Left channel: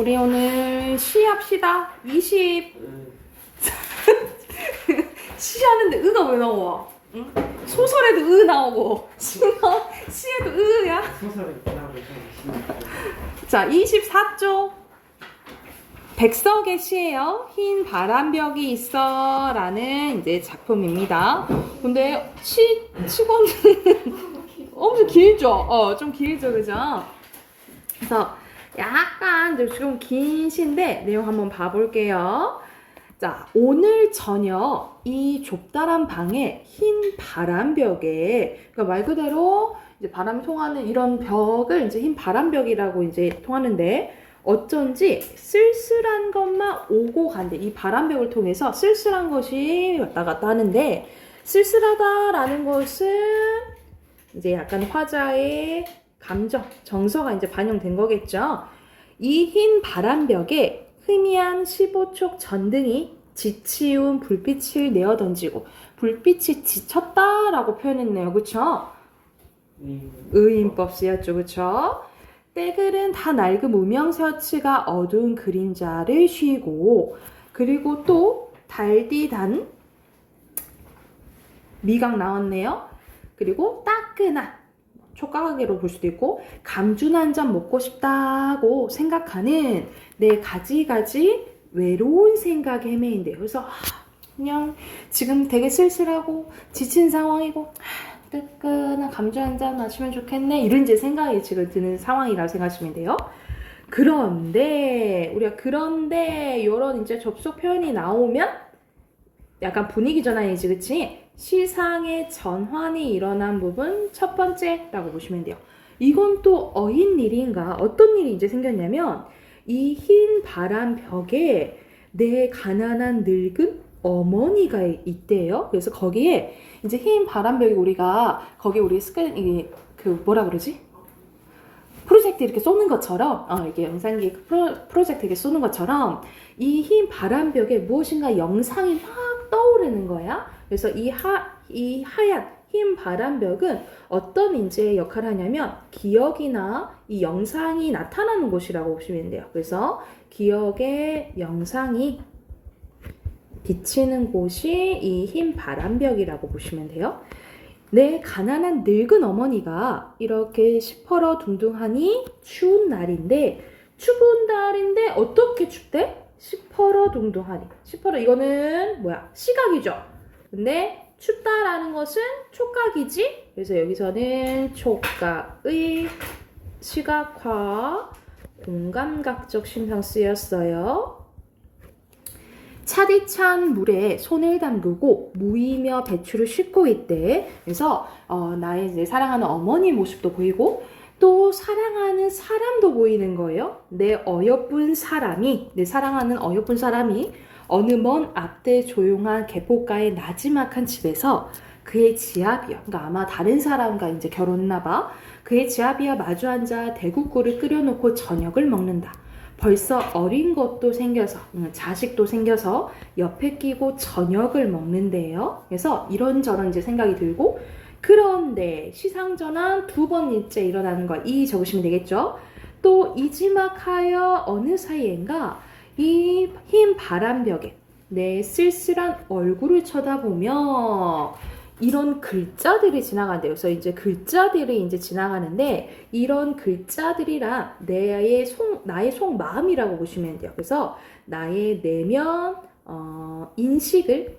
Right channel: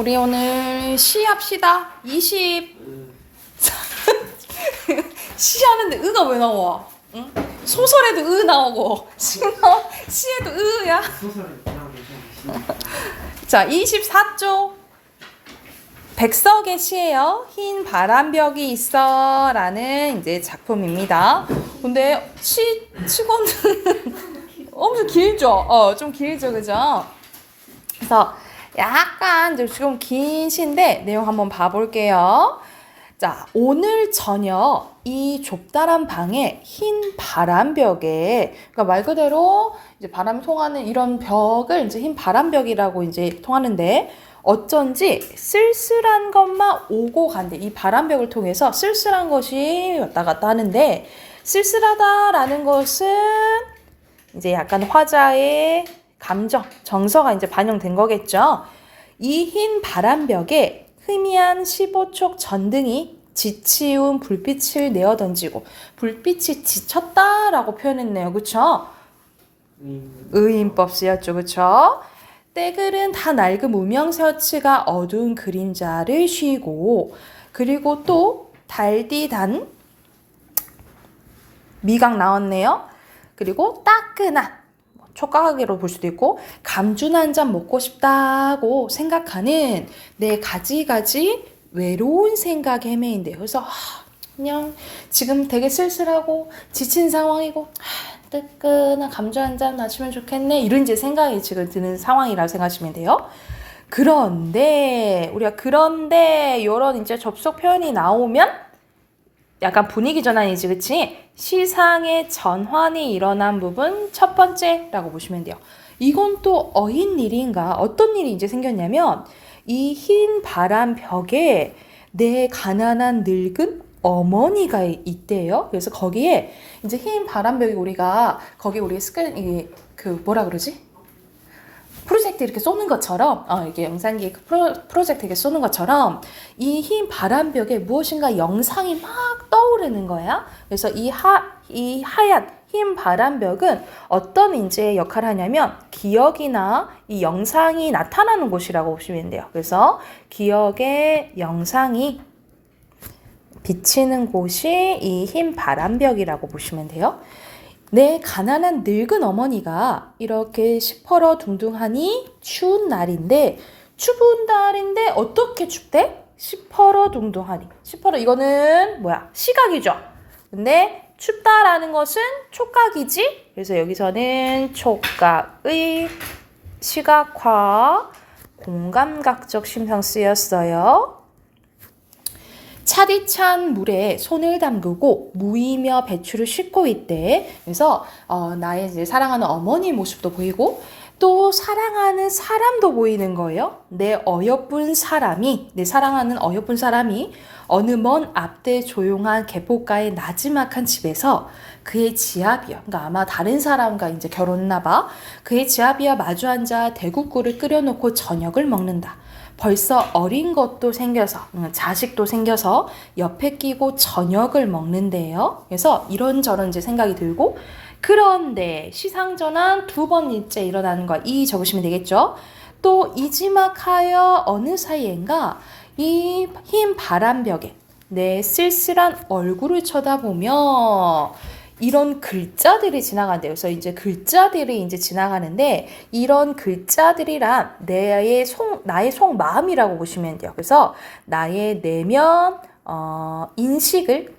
우리 오늘 시 합시다. 20. 시 하는데 의가 왜 나와? 응? 소설에도 의 나오고 시에도 의야. 소설에 나오고 있는 자, 24조. 백석의 시예요. 흰 바람벽이 있어 라는 이제 작품입니다. 근데 치고는 엄청 길죠? 좀 길죠, 그죠? 그래서 약간 좀 긴 시인데 내용 한번 봐볼게요. 자, 오늘 저녁 이 좁다란 방에 흰 바람벽에, 그러니까 말 그대로 이제 바람 통하는 이런 벽을 이제 흰 바람벽이라고 이제 통하는데, 어쩐지 쓸쓸한 것만 오고 간대. 이 바람벽을 통해서 쓸쓸한 것이 왔다 갔다 하는데, 쓸쓸하다라는 것은 이제 약간 화자의 감정, 정서가 이제 반영된 거겠죠. 이 흰 바람벽에 희미한 15촉 전등이 지치운 불빛을 내어던지고, 불빛이 지쳤다라고 표현했네요. 그쵸? 의인법 쓰였죠. 그쵸? 때들은 다 낡은 무명 셔츠가 어두운 그림자를 쉬고, 그리고 또 달디단 미각 나왔네요. 그리고 따끈한 촉각으로 볼 수도 있고, 감준 한 잔 먹고 싶다고 생각하는 내 가지가지 외로운 생각에 헤매인데요. 그래서 그냥 지금 되게 쓸쓸하고 지친 상황이고, 뜨끈한 감주 한 잔 마시면 좋겠네, 이런 이제 생각이 지금 드는 상황이라고 생각하시면 돼요. 그런데 우리가 이런 이제 접속 표현이 나오면 약간 분위기 전환이지, 그치? 시상의 전환이 일어난 부분 첫 번째라고 보시면 돼요. 이건 또 어인일인가? 어떤 일이 이제 생겼냐면, 이 흰 바람 벽에 내 가난한 늙은 어머니가 있대요. 그래서 거기에 이제 흰 바람벽이, 우리가 거기 우리 뭐라 그러지? 프로젝트 이렇게 쏘는 것처럼, 이렇게 영상기 프로젝트 이렇게 쏘는 것처럼 이 흰 바람벽에 무엇인가 영상이 막 떠오르는 거야. 그래서 이 하얀 흰 바람벽은 어떤 이제 역할을 하냐면, 기억이나 이 영상이 나타나는 곳이라고 보시면 돼요. 그래서 기억의 영상이 비치는 곳이 이 흰 바람벽이라고 보시면 돼요. 내 가난한 늙은 어머니가 이렇게 시퍼러둥둥하니 추운 날인데 어떻게 춥대? 시퍼러둥둥하니. 이거는 뭐야? 시각이죠. 근데 춥다라는 것은 촉각이지. 그래서 여기서는 촉각의 시각화, 공감각적 심형 쓰였어요. 차디찬 물에 손을 담그고 무이며 배추를 씻고 있대. 그래서 나의 이제 사랑하는 어머니 모습도 보이고, 또 사랑하는 사람도 보이는 거예요. 내 사랑하는 어여쁜 사람이 어느 먼 앞대 조용한 개포가의 나지막한 집에서 그의 지아비와, 그러니까 아마 다른 사람과 이제 결혼했나 봐. 그의 지아비와 마주 앉아 대국구를 끓여놓고 저녁을 먹는다. 벌써 어린 것도 생겨서, 자식도 생겨서 옆에 끼고 저녁을 먹는데요. 그래서 이런저런 이제 생각이 들고, 그런데 시상전환 두 번째 일어나는 거, 이 적으시면 되겠죠. 또 이지막하여 어느 사이엔가 이 흰 바람벽에 내 쓸쓸한 얼굴을 쳐다보며 이런 글자들이 지나간대요. 그래서 이제 글자들이 이제 지나가는데, 이런 글자들이란 나의 속마음이라고 보시면 돼요. 그래서 나의 내면 인식을,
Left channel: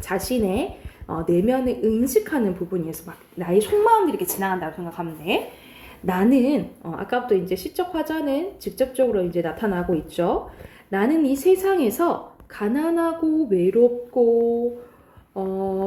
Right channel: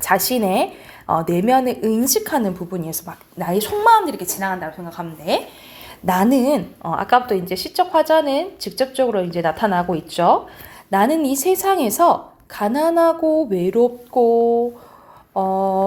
자신의 내면을 인식하는 부분이어서 막 나의 속마음들이 이렇게 지나간다고 생각하면 돼. 나는 아까부터 이제 시적 화자는 직접적으로 이제 나타나고 있죠. 나는 이 세상에서 가난하고 외롭고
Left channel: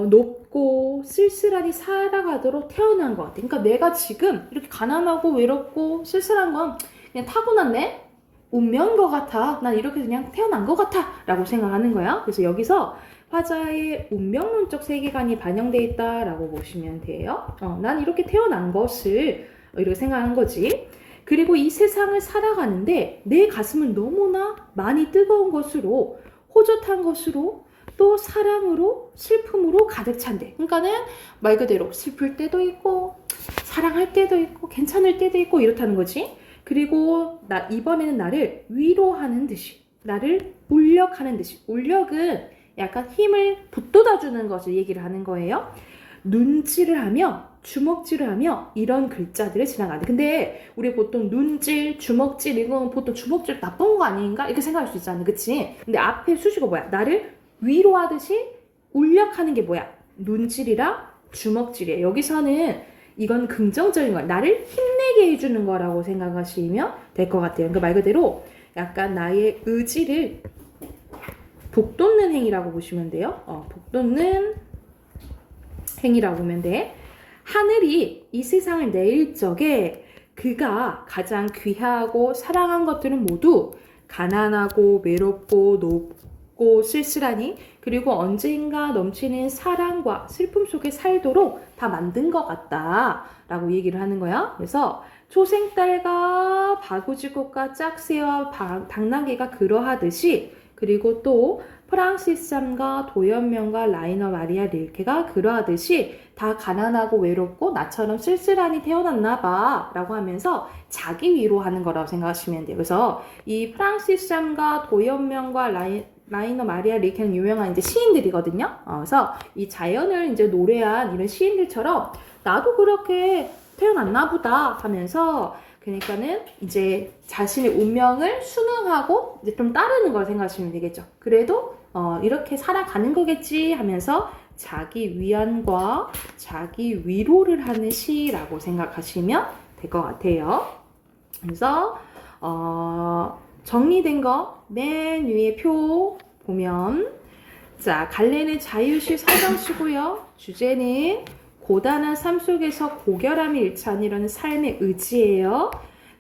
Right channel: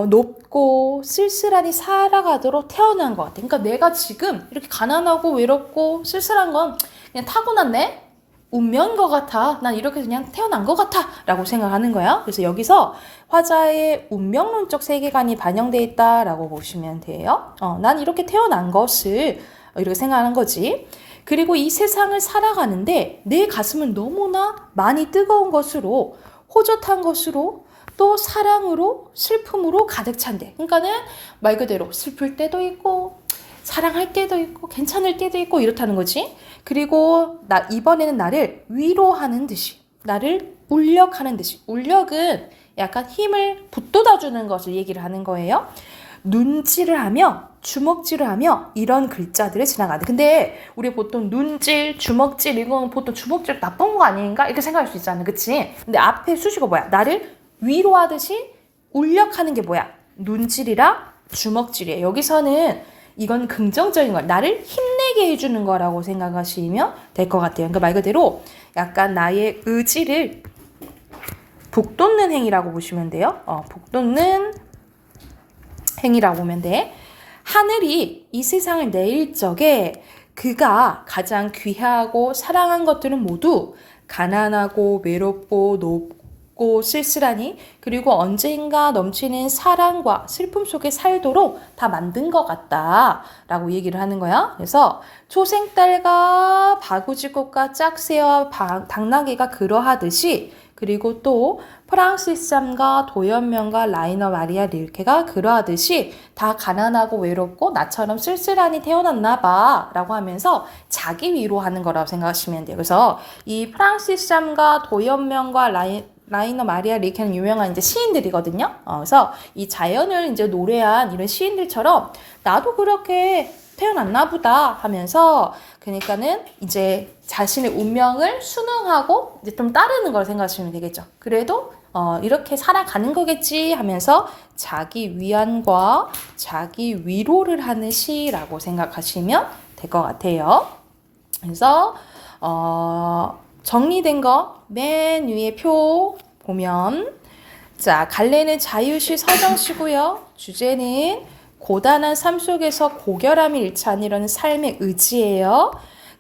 높고 쓸쓸하니 살아가도록 태어난 것 같아. 그러니까 내가 지금 이렇게 가난하고 외롭고 쓸쓸한 건 그냥 타고났네? 운명인 것 같아. 난 이렇게 그냥 태어난 것 같아 라고 생각하는 거야. 그래서 여기서 화자의 운명론적 세계관이 반영되어 있다라고 보시면 돼요. 난 이렇게 태어난 것을 이렇게 생각하는 거지. 그리고 이 세상을 살아가는데 내 가슴은 너무나 많이 뜨거운 것으로, 호젓한 것으로, 또 사랑으로, 슬픔으로 가득 찬대. 그러니까는 말 그대로 슬플 때도 있고, 사랑할 때도 있고, 괜찮을 때도 있고, 이렇다는 거지. 그리고 이번에는 나를 위로하는 듯이, 나를 울력하는 듯이. 울력은 약간 힘을 북돋아주는 것을 얘기를 하는 거예요. 눈질을 하며 주먹질을 하며 이런 글자들을 지나가는데, 근데 우리 보통 눈질, 주먹질, 이건 보통 주먹질 나쁜 거 아닌가 이렇게 생각할 수 있잖아, 그치? 근데 앞에 수식어 뭐야? 나를 위로하듯이 울력하는 게 뭐야? 눈질이랑 주먹질이에요. 여기서는 이건 긍정적인 거야. 나를 힘내게 해주는 거라고 생각하시면 될 것 같아요. 그러니까 말 그대로 약간 나의 의지를 북돋는 행위라고 보시면 돼요. 북돋는 행위라고 보면 돼. 하늘이 이 세상을 내일 적에 그가 가장 귀하고 사랑한 것들은 모두 가난하고 외롭고 높고 쓸쓸하니, 그리고 언젠가 넘치는 사랑과 슬픔 속에 살도록 다 만든 것 같다 라고 얘기를 하는 거야. 그래서 초생딸과 바구지꽃과 짝새와 당나귀가 그러하듯이, 그리고 또 프랑시스 잠과 도연명과 라이너 마리아 릴케가 그러하듯이 다 가난하고 외롭고 나처럼 쓸쓸하니 태어났나 봐 라고 하면서 자기 위로하는 거라고 생각하시면 돼요. 그래서 이 프랑시스 잠과 도연명과 라이너 마리아 릴케는 유명한 이제 시인들이거든요. 그래서 이 자연을 이제 노래한 이런 시인들처럼 나도 그렇게 태어났나 보다 하면서, 그러니까는 이제 자신의 운명을 순응하고 이제 좀 따르는 걸 생각하시면 되겠죠. 그래도 이렇게 살아가는 거겠지 하면서 자기 위안과 자기 위로를 하는 시라고 생각하시면 될 것 같아요. 그래서 정리된 거 맨 위에 표 보면, 자, 갈래는 자유시 서정시고요. 주제는 고단한 삶 속에서 고결함이 일치하는 삶의 의지예요.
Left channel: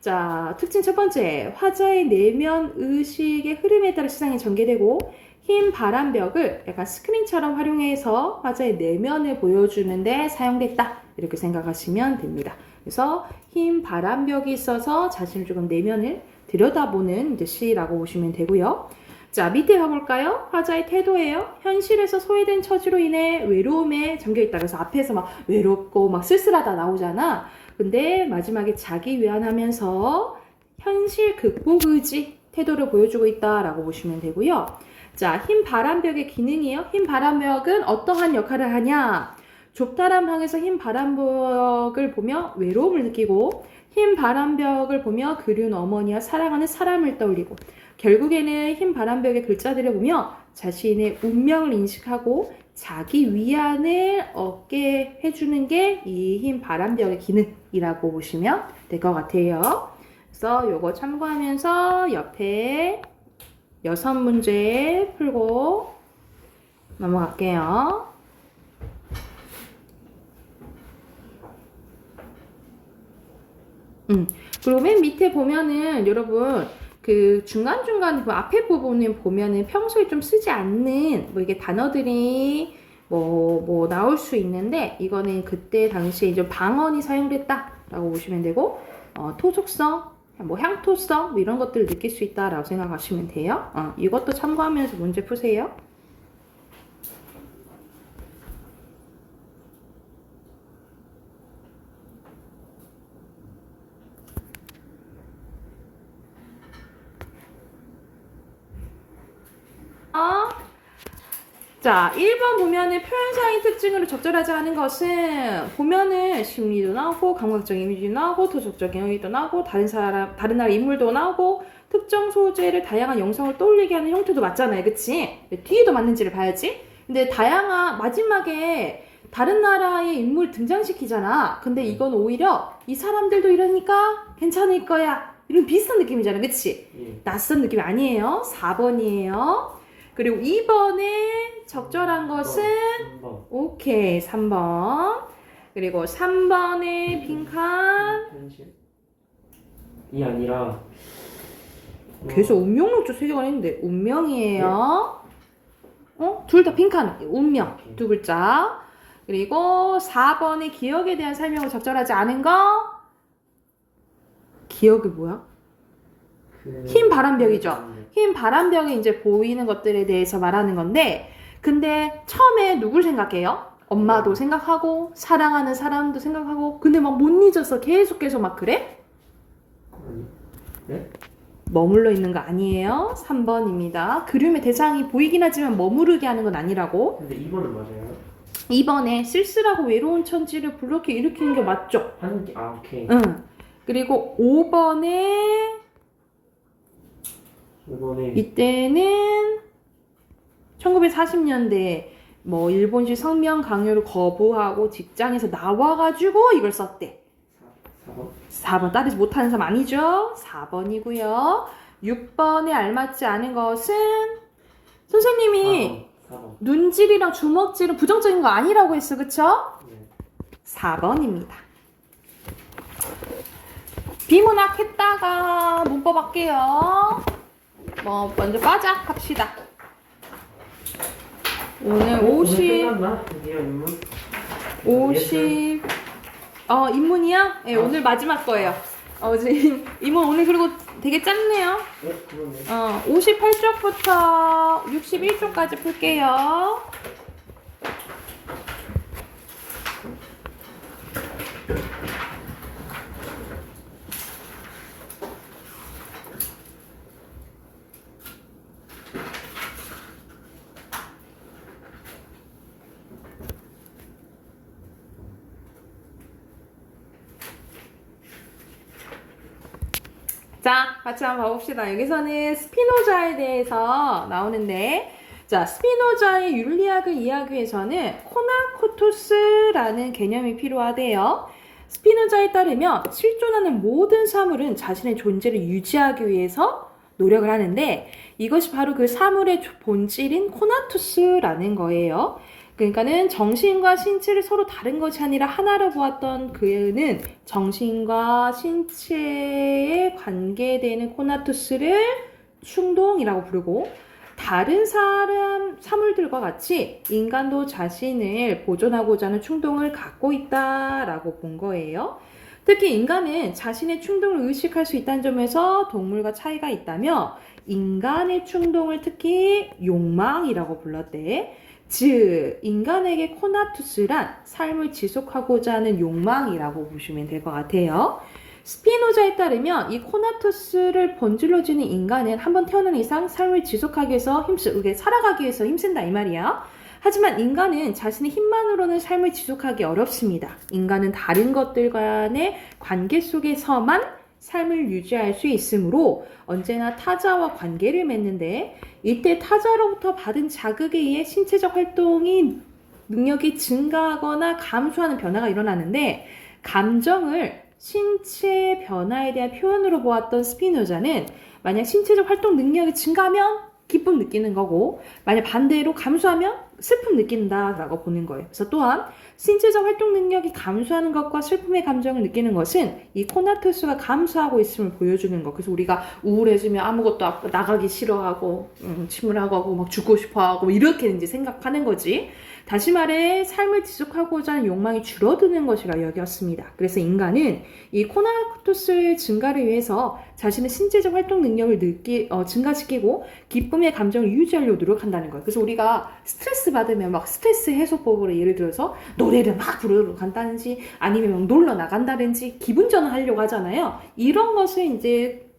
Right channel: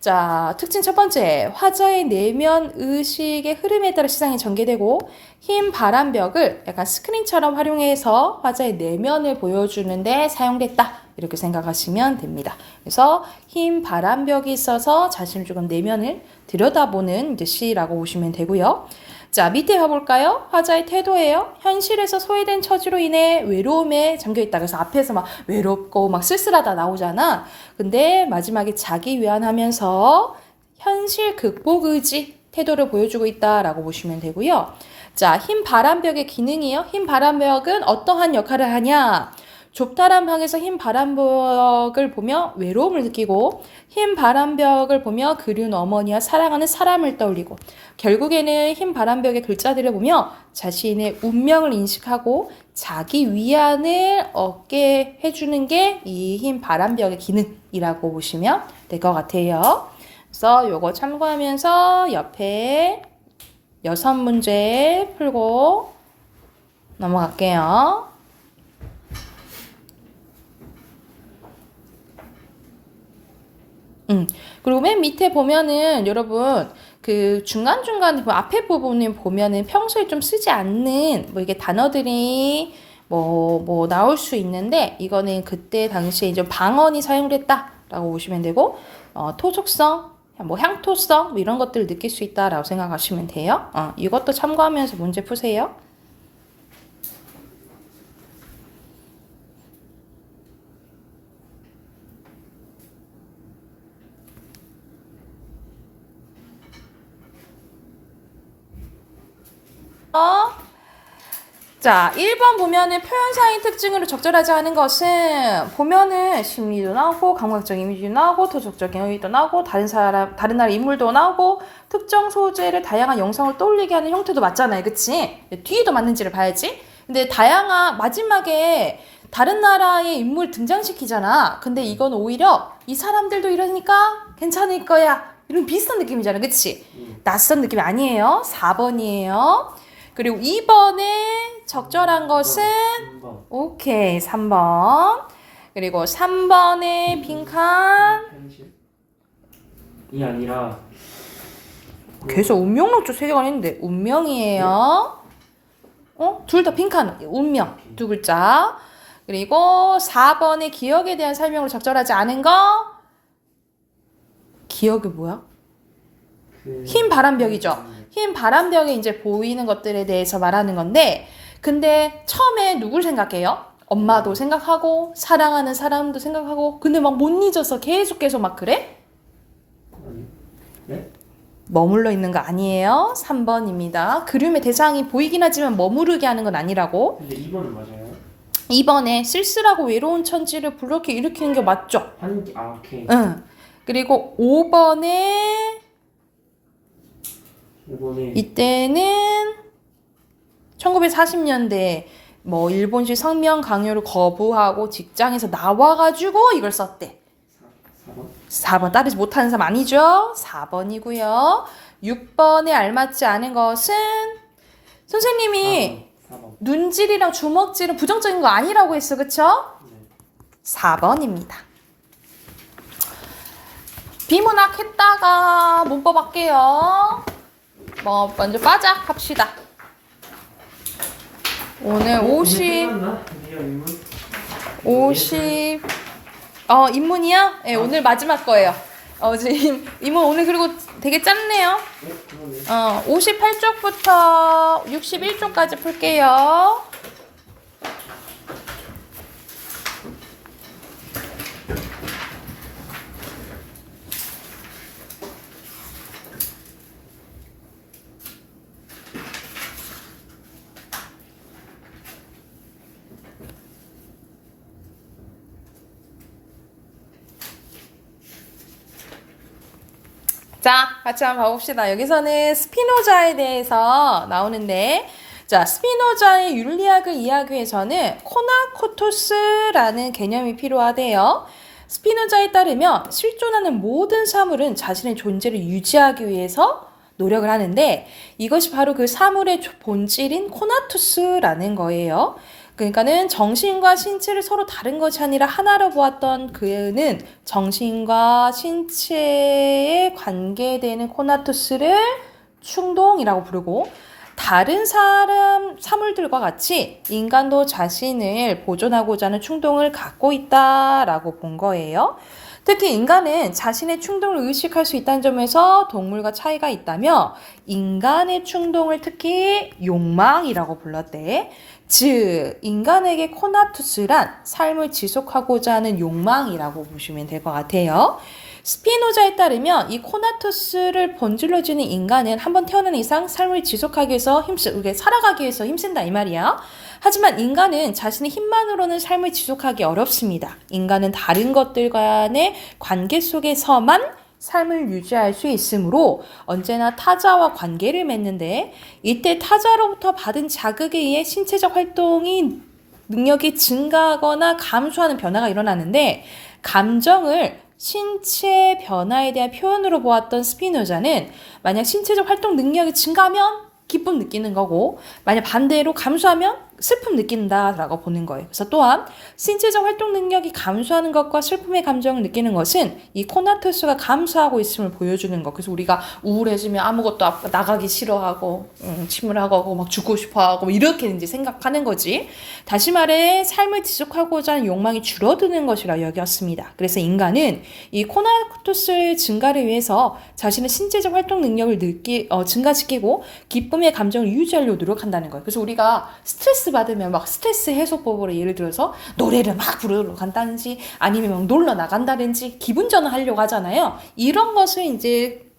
자, 특징 첫 번째, 화자의 내면 의식의 흐름에 따라 시상이 전개되고, 흰 바람벽을 약간 스크린처럼 활용해서 화자의 내면을 보여주는데 사용됐다, 이렇게 생각하시면 됩니다. 그래서 흰 바람벽이 있어서 자신을 조금 내면을 들여다보는 이제 시라고 보시면 되고요. 자, 밑에 봐볼까요? 화자의 태도예요. 현실에서 소외된 처지로 인해 외로움에 잠겨있다. 그래서 앞에서 막 외롭고 막 쓸쓸하다 나오잖아. 근데 마지막에 자기 위안하면서 현실 극복 의지 태도를 보여주고 있다라고 보시면 되고요. 자, 흰 바람벽의 기능이요. 흰 바람벽은 어떠한 역할을 하냐? 좁다란 방에서 흰 바람벽을 보며 외로움을 느끼고, 흰 바람벽을 보며 그리운 어머니와 사랑하는 사람을 떠올리고, 결국에는 흰 바람벽의 글자들을 보며 자신의 운명을 인식하고 자기 위안을 얻게 해주는 게 이 흰 바람벽의 기능이라고 보시면 될 것 같아요. 그래서 요거 참고하면서 옆에 6문제 풀고 넘어갈게요. 그리고 맨 밑에 보면은 여러분 그 중간중간 앞에 부분에 보면은 평소에 좀 쓰지 않는 뭐 이게 단어들이 뭐 나올 수 있는데, 이거는 그때 당시에 이제 방언이 사용됐다라고 보시면 되고, 토속성, 뭐 향토성 뭐 이런 것들을 느낄 수 있다라고 생각하시면 돼요. 이것도 참고하면서 문제 푸세요. 자, 1번 보면은 표현사의 특징으로 적절하지 않은 것은, 보면은 심리도 나오고 감각적 이미지도 나오고 토속적 경험도 나오고 다른 나라 인물도 나오고 특정 소재를 다양한 영상을 떠올리게 하는 형태도 맞잖아요, 그치? 뒤에도 맞는지를 봐야지. 근데 다양한 마지막에 다른 나라의 인물 등장시키잖아. 근데 이건 오히려 이 사람들도 이러니까 괜찮을 거야, 이런 비슷한 느낌이잖아, 그치? 낯선 느낌이 아니에요. 4번이에요. 그리고 2번에 적절한 것은 3번. 오케이, 3번. 그리고 3번에 빈칸. 현실이 아니라 계속 운명론 쪽 세개가 있는데 운명이에요. 둘 다 빈칸. 운명 두 글자. 그리고 4번에 기억에 대한 설명으로 적절하지 않은 거. 기억이 뭐야? 흰 바람벽이죠. 흰 바람벽에 이제 보이는 것들에 대해서 말하는 건데, 근데 처음에 누굴 생각해요? 엄마도 생각하고 사랑하는 사람도 생각하고, 근데 막 못 잊어서 계속 막 그래? 아니. 네? 머물러 있는 거 아니에요. 3번입니다. 그림의 대상이 보이긴 하지만 머무르게 하는 건 아니라고. 근데 2번은 맞아요. 2번에 쓸쓸하고 외로운 천지를 불렇게 일으키는 게 맞죠? 오케이. 응. 그리고 5번에 5번에 이때는 1940년대 뭐 일본식 성명 강요를 거부하고 직장에서 나와가지고 이걸 썼대. 4번? 4번 따르지 못하는 사람 아니죠? 4번이고요. 6번에 알맞지 않은 것은 선생님이 4번. 눈질이랑 주먹질은 부정적인 거 아니라고 했어. 그쵸? 네. 4번입니다. 비문학 했다가 문법 할게요. 뭐 먼저 빠작 합시다. 오늘 50 끝났나? 드디어 인문? 50 인문이요? 네, 오늘 마지막 거예요. 지금 인문 오늘 그리고 되게 짧네요. 네? 그러네. 58쪽부터 61쪽까지 풀게요. 자, 같이 한번 봐봅시다. 여기서는 스피노자에 대해서 나오는데, 자, 스피노자의 윤리학을 이해하기 위해서는 코나코토스라는 개념이 필요하대요. 스피노자에 따르면 실존하는 모든 사물은 자신의 존재를 유지하기 위해서 노력을 하는데, 이것이 바로 그 사물의 본질인 코나투스라는 거예요. 그러니까는 정신과 신체를 서로 다른 것이 아니라 하나로 보았던 그는 정신과 신체에 관계되는 코나투스를 충동이라고 부르고, 다른 사물들과 같이 인간도 자신을 보존하고자 하는 충동을 갖고 있다라고 본 거예요. 특히 인간은 자신의 충동을 의식할 수 있다는 점에서 동물과 차이가 있다며 인간의 충동을 특히 욕망이라고 불렀대. 즉, 인간에게 코나투스란 삶을 지속하고자 하는 욕망이라고 보시면 될 것 같아요. 스피노자에 따르면 이 코나투스를 본질로 지닌 인간은 한번 태어난 이상 삶을 지속하기 위해서 살아가기 위해서 힘쓴다 이 말이야. 하지만 인간은 자신의 힘만으로는 삶을 지속하기 어렵습니다. 인간은 다른 것들 간의 관계 속에서만 삶을 유지할 수 있으므로 언제나 타자와 관계를 맺는데, 이때 타자로부터 받은 자극에 의해 신체적 활동이 능력이 증가하거나 감소하는 변화가 일어나는데, 감정을 신체 변화에 대한 표현으로 보았던 스피노자는 만약 신체적 활동 능력이 증가하면 기쁨 느끼는 거고, 만약 반대로 감소하면 슬픔 느낀다라고 보는 거예요. 그래서 또한 신체적 활동 능력이 감소하는 것과 슬픔의 감정을 느끼는 것은 이 코나투스가 감소하고 있음을 보여주는 거. 그래서 우리가 우울해지면 아무것도 나가기 싫어하고 침울하고 막 죽고 싶어하고 뭐 이렇게 이제 생각하는 거지. 다시 말해 삶을 지속하고자 하는 욕망이 줄어드는 것이라 여겼습니다. 그래서 인간은 이 코나투스의 증가를 위해서 자신의 신체적 활동 능력을 증가시키고 기쁨의 감정을 유지하려고 노력한다는 거예요. 그래서 우리가 스트레스 받으면 막 스트레스 해소법으로 예를 들어서 노래를 막 부르러 간다든지 아니면 막 놀러 나간다든지 기분 전환하려고 하잖아요. 이런 것을 이제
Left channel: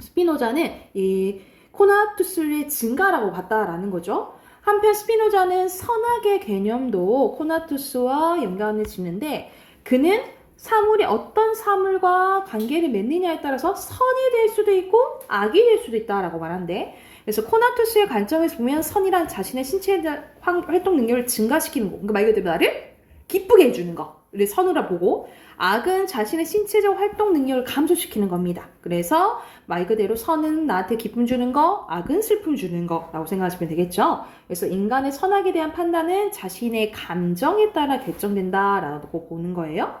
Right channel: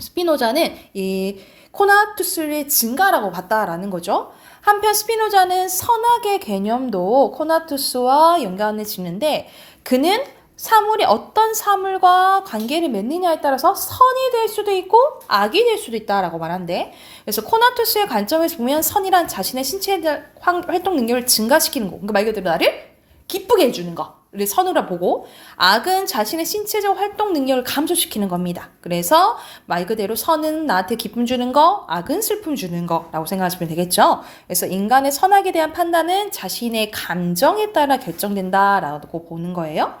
스피노자는 이 코나투스의 증가라고 봤다라는 거죠. 한편 스피노자는 선악의 개념도 코나투스와 연관을 짓는데, 그는 사물이 어떤 사물과 관계를 맺느냐에 따라서 선이 될 수도 있고 악이 될 수도 있다라고 말한대. 그래서 코나투스의 관점에서 보면 선이란 자신의 신체 활동 능력을 증가시키는 거, 그러니까 말 그대로 나를 기쁘게 해주는 거를 선으로 보고, 악은 자신의 신체적 활동 능력을 감소시키는 겁니다. 그래서 말 그대로 선은 나한테 기쁨 주는 거, 악은 슬픔 주는 거라고 생각하시면 되겠죠. 그래서 인간의 선악에 대한 판단은 자신의 감정에 따라 결정된다라고 보는 거예요.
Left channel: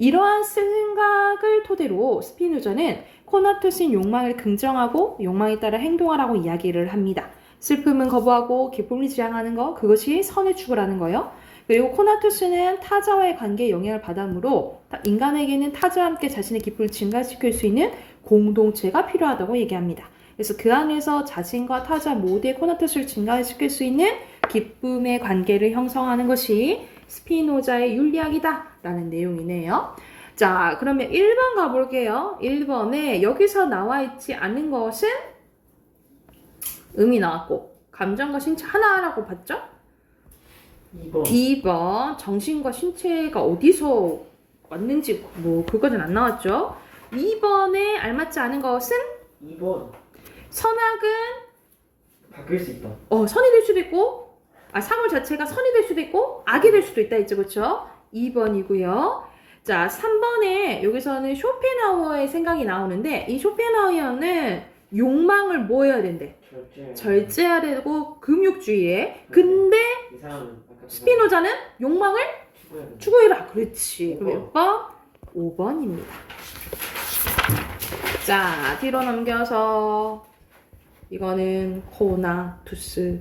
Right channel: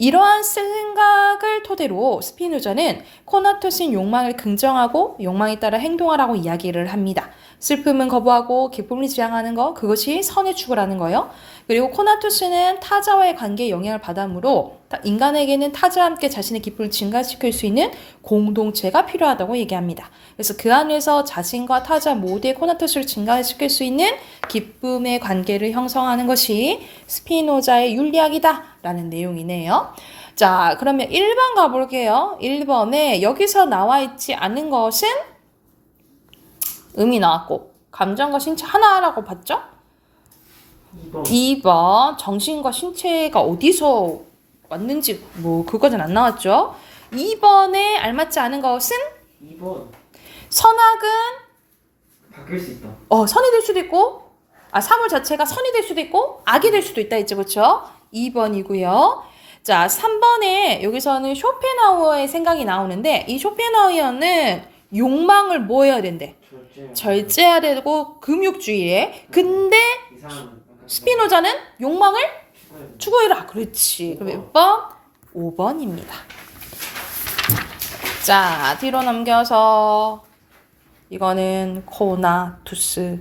이러한 생각을 토대로 스피노자는 코나투스인 욕망을 긍정하고 욕망에 따라 행동하라고 이야기를 합니다. 슬픔은 거부하고 기쁨을 지향하는 거, 그것이 선의 추구라는 거예요. 그리고 코나투스는 타자와의 관계에 영향을 받으므로 인간에게는 타자와 함께 자신의 기쁨을 증가시킬 수 있는 공동체가 필요하다고 얘기합니다. 그래서 그 안에서 자신과 타자 모두의 코나투스를 증가시킬 수 있는 기쁨의 관계를 형성하는 것이 스피노자의 윤리학이다 라는 내용이네요. 자, 그러면 1번 가볼게요. 1번에 여기서 나와 있지 않은 것은 음이 나왔고 감정과 신체 하나라고 봤죠? 2번 2번 정신과 신체가 어디서 왔는지 뭐 그거는 안 나왔죠? 2번에 알맞지 않은 것은 2번 선악은 바뀔 수 있다. 선이 될 수도 있고 사물 자체가 선이 될 수도 있고 악이 될 수도 있다 했죠. 그렇죠? 2번이고요. 자, 3번에 여기서는 쇼펜하우어의 생각이 나오는데 이 쇼펜하우어는 욕망을 뭐 해야 된대? 절제해야 되고 금욕주의에. 근데 이상은 스피노자는 욕망을 추구해야 추구해라. 그렇지. 그럼 몇 번? 5번입니다. 자, 뒤로 넘겨서 이거는 코나투스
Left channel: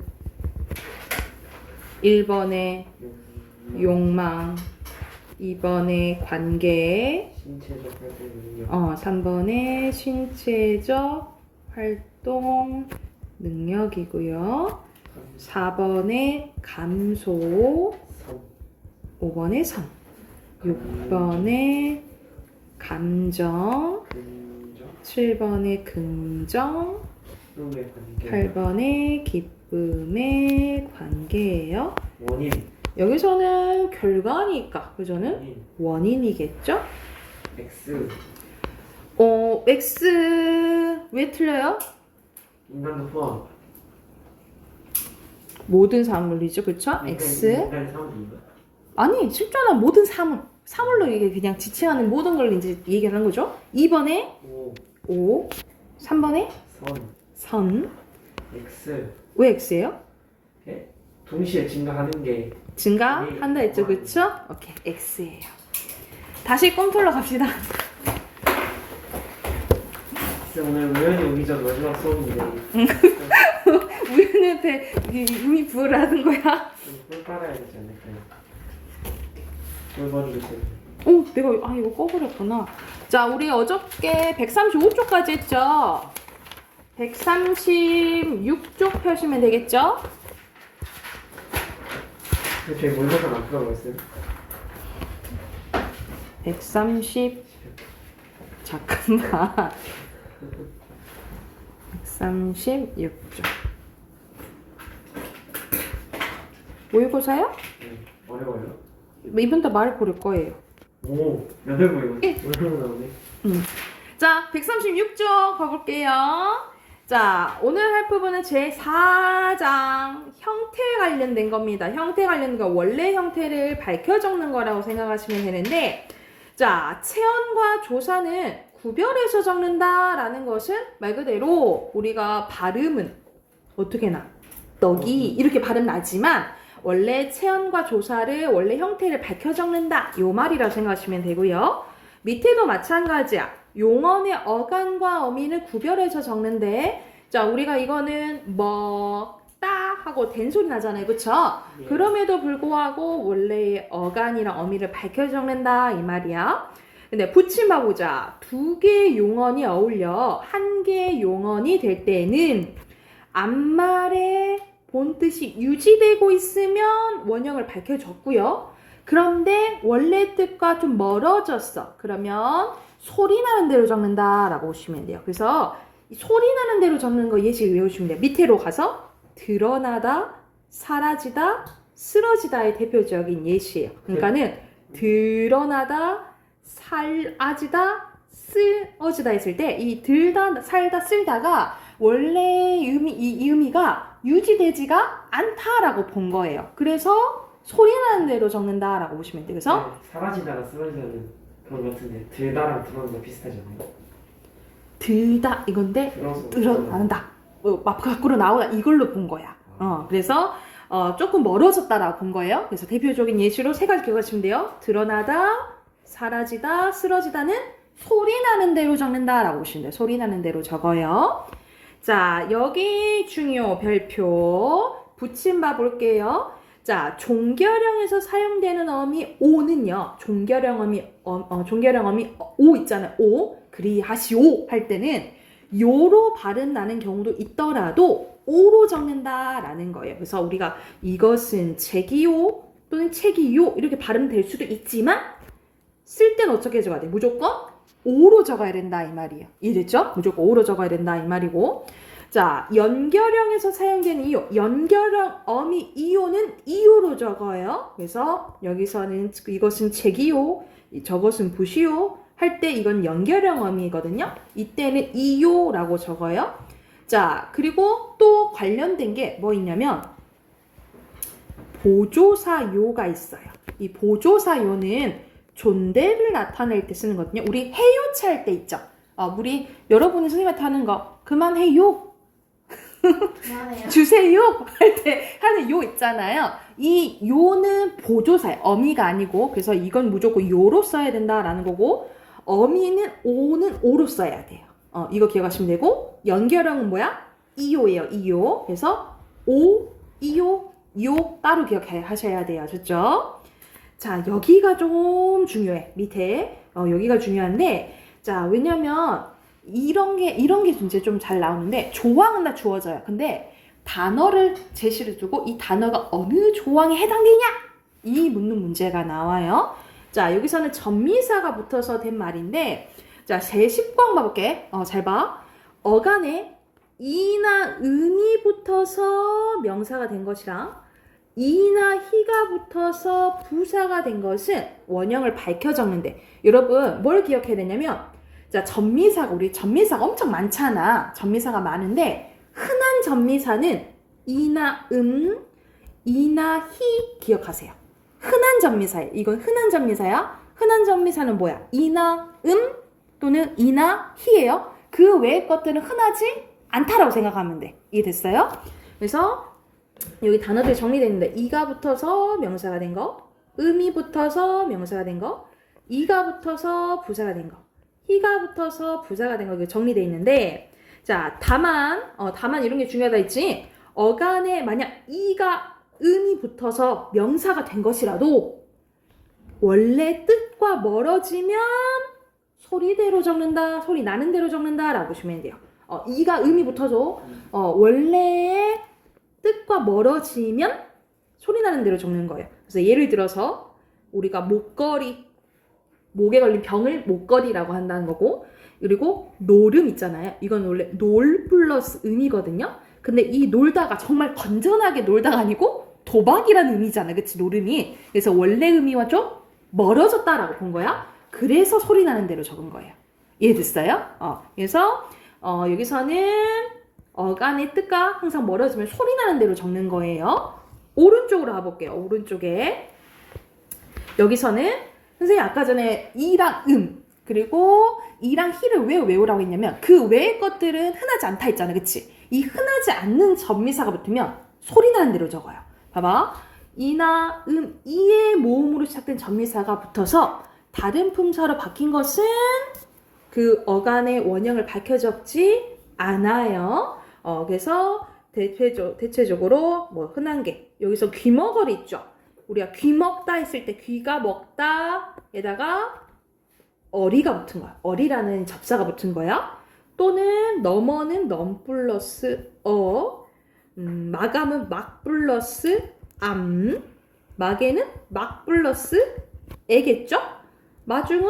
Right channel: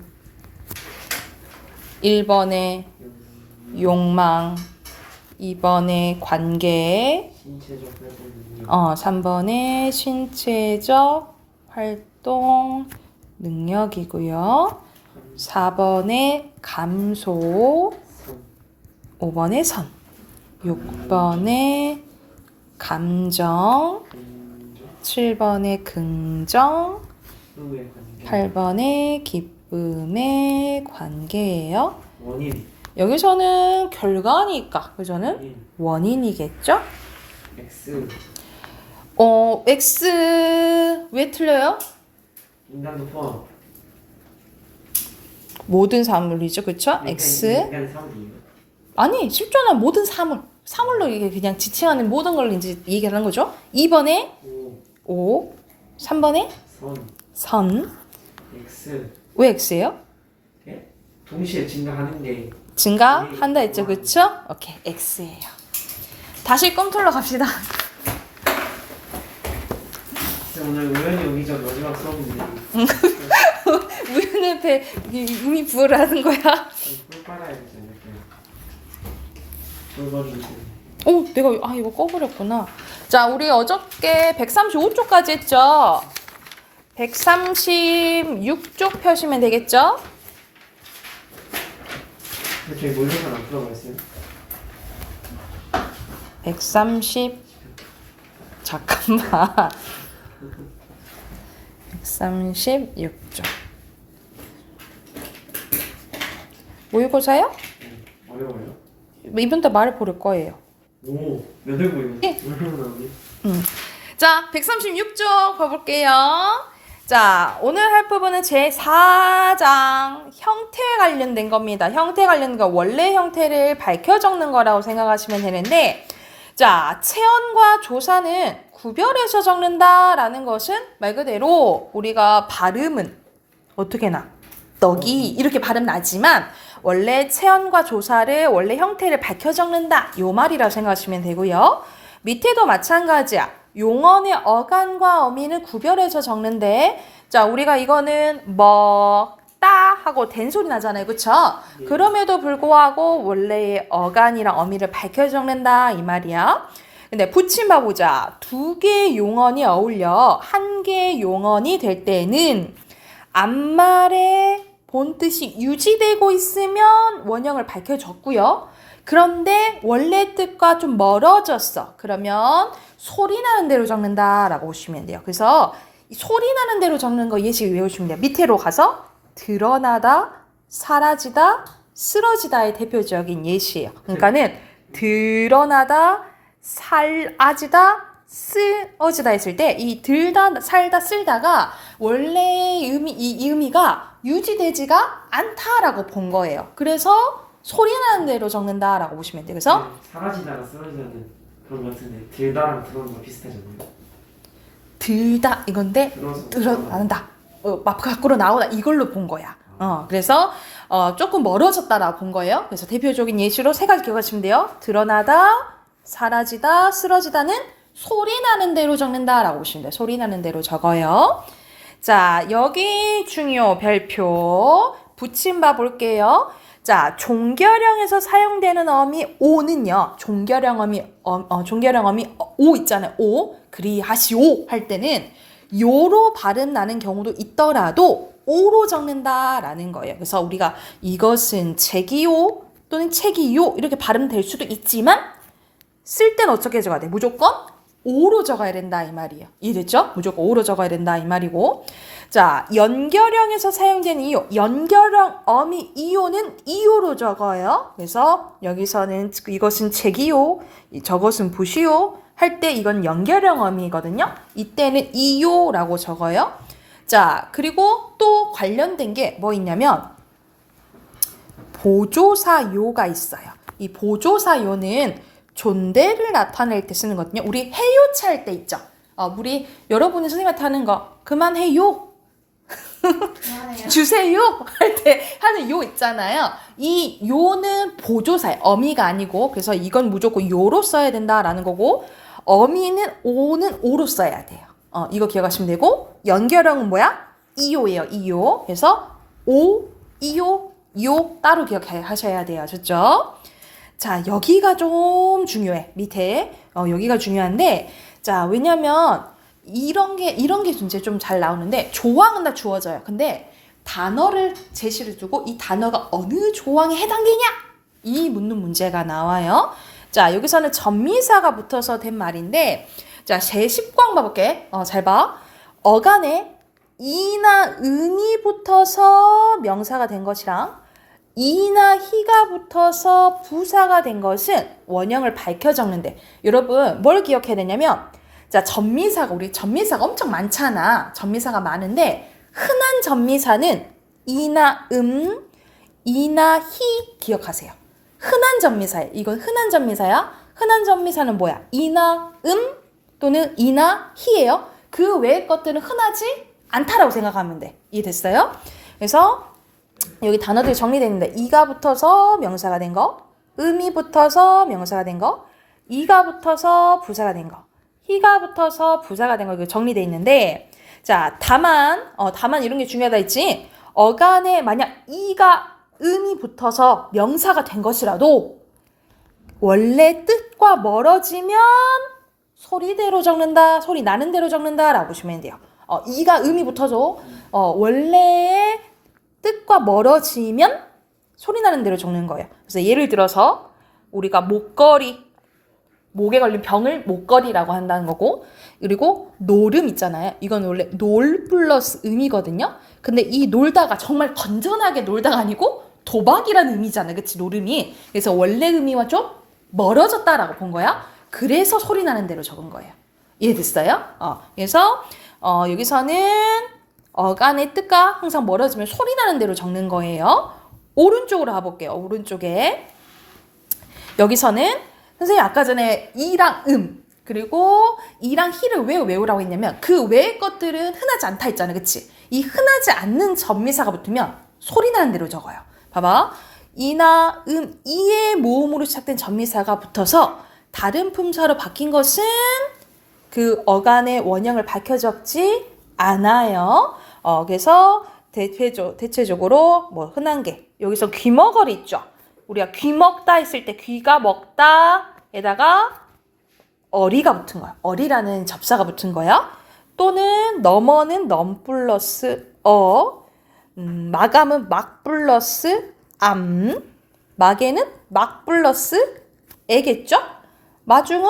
1번에 욕망 2번에 관계 신체적 활동 능력 3번에 신체적 활동 능력이고요. 4번에 감소 3 5번에 선 6번에 감정 긍정 7번에 긍정 스스로의 관계 8번에 기쁨의 관계예요. 원인 여기서는 결과니까 그저는 원인 원인이겠죠? X X 왜 틀려요? 인간도 포함 모든 사물이죠, 그쵸? X 인간의 사물이에요. 아니 쉽잖아. 모든 사물로 이게 그냥 지칭하는 모든 걸 이제 얘기하는 거죠. 2번에 5 5 3번에 선 선 X 왜 X예요? 동시에 증가하는 게 증가한다 했죠, 그쵸? 오케이, X예요. 다시 꿈틀러 갑시다. 진짜 오늘 우연히 오기 전 마지막 수업인데 우연의 배 이미 부여를 하는 거야. 꿀 빨아야 되지 않을까요? 꿀 버리세요. 내가 이거 꺼버렸구나. 자, 우리 어저께 135쪽까지 했죠. 136쪽 펴시면 되겠죠? 근데 저희 모의고사 안 풀어버렸어요? 130 잠깐만. 136쪽. 모의고사요? 어려워요? 이분 다 말을 고를 거예요. 오, 몇월 모의고사? 예. 오늘 나오네. 자, 136쪽 봐볼게요. 자, 오늘 할 부분은 제4장 형태에 관련된 겁니다. 형태 관련된 거 원래 형태를 밝혀 적는 거라고 생각하시면 되는데, 자, 체언과 조사는 구별해서 적는다라는 것은 말 그대로 우리가 발음은 어떻게 나? 떡이 이렇게 발음 나지만 원래 체언과 조사를 원래 형태를 밝혀 적는다. 요 말이라고 생각하시면 되고요. 밑에도 마찬가지야. 용언의 어간과 어민을 구별해서 적는데, 자, 우리가 이거는 따 하고 된 소리 나잖아요. 그쵸? 네. 그럼에도 불구하고 원래의 어간이랑 어민을 밝혀 적는다 이 말이야. 근데 붙임봐 보자. 두 개의 용언이 어울려 한 개의 용언이 될 때는 앞말의 본뜻이 유지되고 있으면 원형을 밝혀 적고요. 그런데 원래 뜻과 좀 멀어졌어. 그러면 소리 나는 대로 적는다라고 보시면 돼요. 그래서 이 소리 나는 대로 적는 거 예시 외우시면 돼요. 밑으로 가서 드러나다, 사라지다, 쓰러지다의 대표적인 예시예요. 그러니까는 드러나다, 사라지다, 쓰러지다 했을 때 이 들다, 살다, 쓸다가 원래 이 의미가 유지되지가 않다라고 본 거예요. 그래서 소리 나는 대로 적는다라고 보시면 돼요. 그래서 사라지다가 쓰러지다는 그런 것 같은데 들다랑 들어오는 거 비슷하잖아요. 들다 이건데 드러난다. 밖으로 나오다 이걸로 본 거야. 그래서 조금 멀어졌다라고 본 거예요. 그래서 대표적인 예시로 세 가지 기억하시면 돼요. 드러나다, 사라지다, 쓰러지다는 소리 나는 대로 적는다라고 보시면 돼요. 소리 나는 대로 적어요. 자, 여기 중요 별표 붙임 봐 볼게요. 자, 종결형에서 사용되는 어미 오는요. 종결형어미 오 있잖아요. 오 그리하시오 할 때는 요로 발음 나는 경우도 있더라도 오로 적는다라는 거예요. 그래서 우리가 이것은 책이요 또는 책이요 이렇게 발음될 수도 있지만 쓸 때는 어떻게 적어야 돼? 무조건 오로 적어야 된다 이 말이에요. 이해됐죠? 무조건 오로 적어야 된다 이 말이고. 자, 연결형에서 사용된 이오. 연결형 어미 이오는 이오로 적어요. 그래서 여기서는 이것은 제기오, 저것은 부시오 할 때 이건 연결형 어미거든요. 이때는 이오라고 적어요. 자, 그리고 또 관련된 게 뭐 있냐면 보조사요가 있어요. 이 보조사요는 존대를 나타낼 때 쓰는 거거든요. 우리 해요차 할 때 있죠. 우리 여러분이 선생님한테 하는 거 그만해요. 주세요 할 때 하는 요 있잖아요. 이 요는 보조사예요. 어미가 아니고 그래서 이건 무조건 요로 써야 된다라는 거고 어미는 오는 오로 써야 돼요. 이거 기억하시면 되고 연결형은 뭐야? 이요예요. 이요. 그래서 오, 이요, 요 따로 기억하셔야 돼요. 좋죠? 자, 여기가 좀 중요해. 밑에 여기가 중요한데 자, 왜냐면 이런 게 이제 좀 잘 나오는데 조항은 다 주어져요. 근데 단어를 제시를 두고 이 단어가 어느 조항에 해당되냐? 이 묻는 문제가 나와요. 자, 여기서는 전미사가 붙어서 된 말인데 자, 제10권 봐볼게. 잘 봐. 어간에 이나 은이 붙어서 명사가 된 것이랑 이나 희가 붙어서 부사가 된 것은 원형을 밝혀 적는데 여러분 뭘 기억해야 되냐면 자, 우리 전미사가 엄청 많잖아. 전미사가 많은데 흔한 전미사는 이나 이나 희 기억하세요. 흔한 전미사예요. 이건 흔한 전미사야. 흔한 전미사는 뭐야? 이나 또는 이나 희예요. 그 외의 것들은 흔하지 않다라고 생각하면 돼. 이해됐어요? 그래서 여기 단어들이 정리되어 있는데 이가 붙어서 명사가 된 거, 이 붙어서 명사가 된 거, 이가 붙어서 부사가 된 거, 희가 붙어서 부사가 된 거 이거 정리되어 있는데 자, 다만 이런 게 중요하다 했지. 어간에 만약 이가 이 붙어서 명사가 된 것이라도 원래 뜻과 멀어지면 소리대로 적는다, 소리 나는 대로 적는다라고 보시면 돼요. 이가 이 붙어서 원래의 뜻과 멀어지면 소리 나는 대로 적는 거예요. 그래서 예를 들어서 우리가 목에 걸린 병을 목걸이라고 한다는 거고 그리고 노름 있잖아요. 이건 원래 놀 플러스 음이거든요. 근데 이 놀다가 정말 건전하게 놀다가 아니고 도박이라는 의미잖아. 그치? 노름이. 그래서 원래 의미와 좀 멀어졌다라고 본 거야. 그래서 소리 나는 대로 적은 거예요. 이해됐어요? 그래서 여기서는 어간의 뜻과 항상 멀어지면 소리 나는 대로 적는 거예요. 오른쪽으로 가볼게요. 오른쪽에. 여기서는 선생님 아까 전에 이랑 그리고 이랑 희를 왜 외우라고 했냐면 그 외의 것들은 흔하지 않다 했잖아. 그치? 이 흔하지 않는 전미사가 붙으면 소리 나는 대로 적어요. 봐봐. 이나 이의 모음으로 시작된 전미사가 붙어서 다른 품사로 바뀐 것은 그 어간의 원형을 밝혀 적지 않아요. 그래서 대체적으로 뭐 흔한 게 여기서 귀머거리 있죠. 우리가 귀 먹다 했을 때 귀가 먹다에다가 어리가 붙은 거야. 어리라는 접사가 붙은 거야. 또는 넘어는 넘 플러스 마감은 막 플러스 막에는 막 플러스 애겠죠? 마중은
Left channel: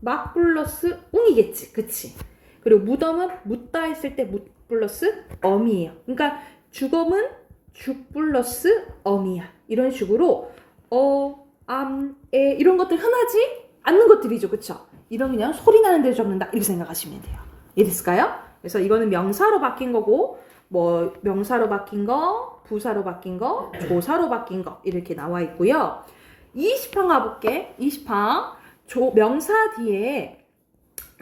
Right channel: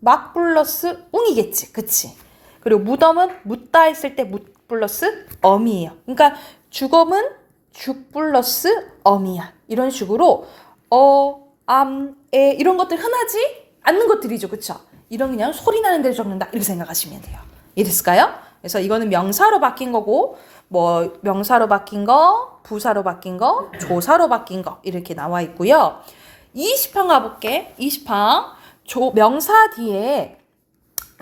막 플러스 웅이겠지. 그치? 그리고 무덤은 묻다 했을 때 묻 플러스 엄이에요. 그러니까 죽음은 죽 플러스 엄이야. 이런 식으로 에 이런 것들 흔하지 않는 것들이죠. 그쵸? 이런 그냥 소리 나는 대로 적는다. 이렇게 생각하시면 돼요. 이해됐을까요? 그래서 이거는 명사로 바뀐 거고 뭐 명사로 바뀐 거, 부사로 바뀐 거, 조사로 바뀐 거 이렇게 나와 있고요. 20편 가볼게. 20편. 명사 뒤에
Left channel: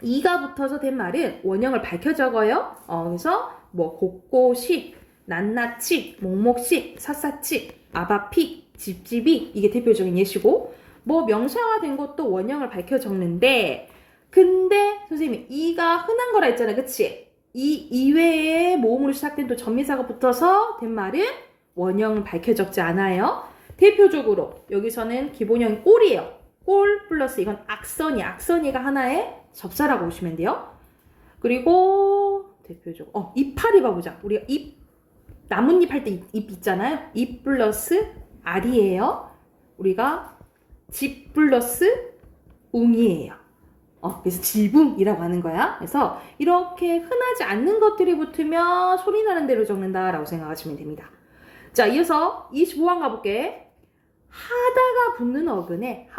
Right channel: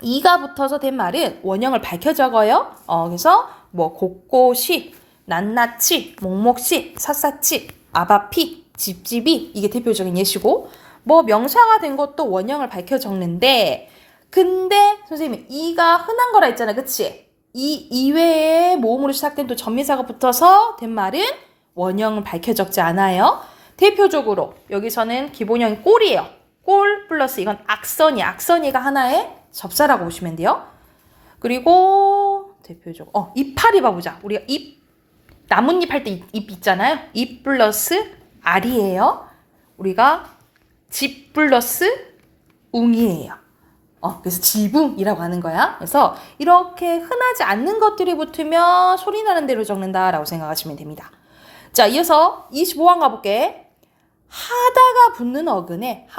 이가 붙어서 된 말은 원형을 밝혀 적어요. 그래서 뭐 곳곳이, 낱낱이, 목목시, 샅샅이, 아바피, 집집이 이게 대표적인 예시고 뭐 명사가 된 것도 원형을 밝혀 적는데 근데 선생님 이가 흔한 거라 했잖아. 그치? 이 이외에 모음으로 시작된 또 전미사가 붙어서 된 말은 원형을 밝혀 적지 않아요. 대표적으로 여기서는 기본형이 꼴이에요. 꼴 플러스 이건 악선이가 하나의 접사라고 보시면 돼요. 그리고 대표적으로 이파리 봐보자. 우리가 나뭇잎 할 때 잎 있잖아요. 잎 플러스 알이에요. 우리가 집 플러스 웅이에요. 그래서 지붕이라고 하는 거야. 그래서 이렇게 흔하지 않는 것들이 붙으면 소리 나는 대로 적는다라고 생각하시면 됩니다. 자, 이어서 25번 가볼게. 하다가 붙는 어근에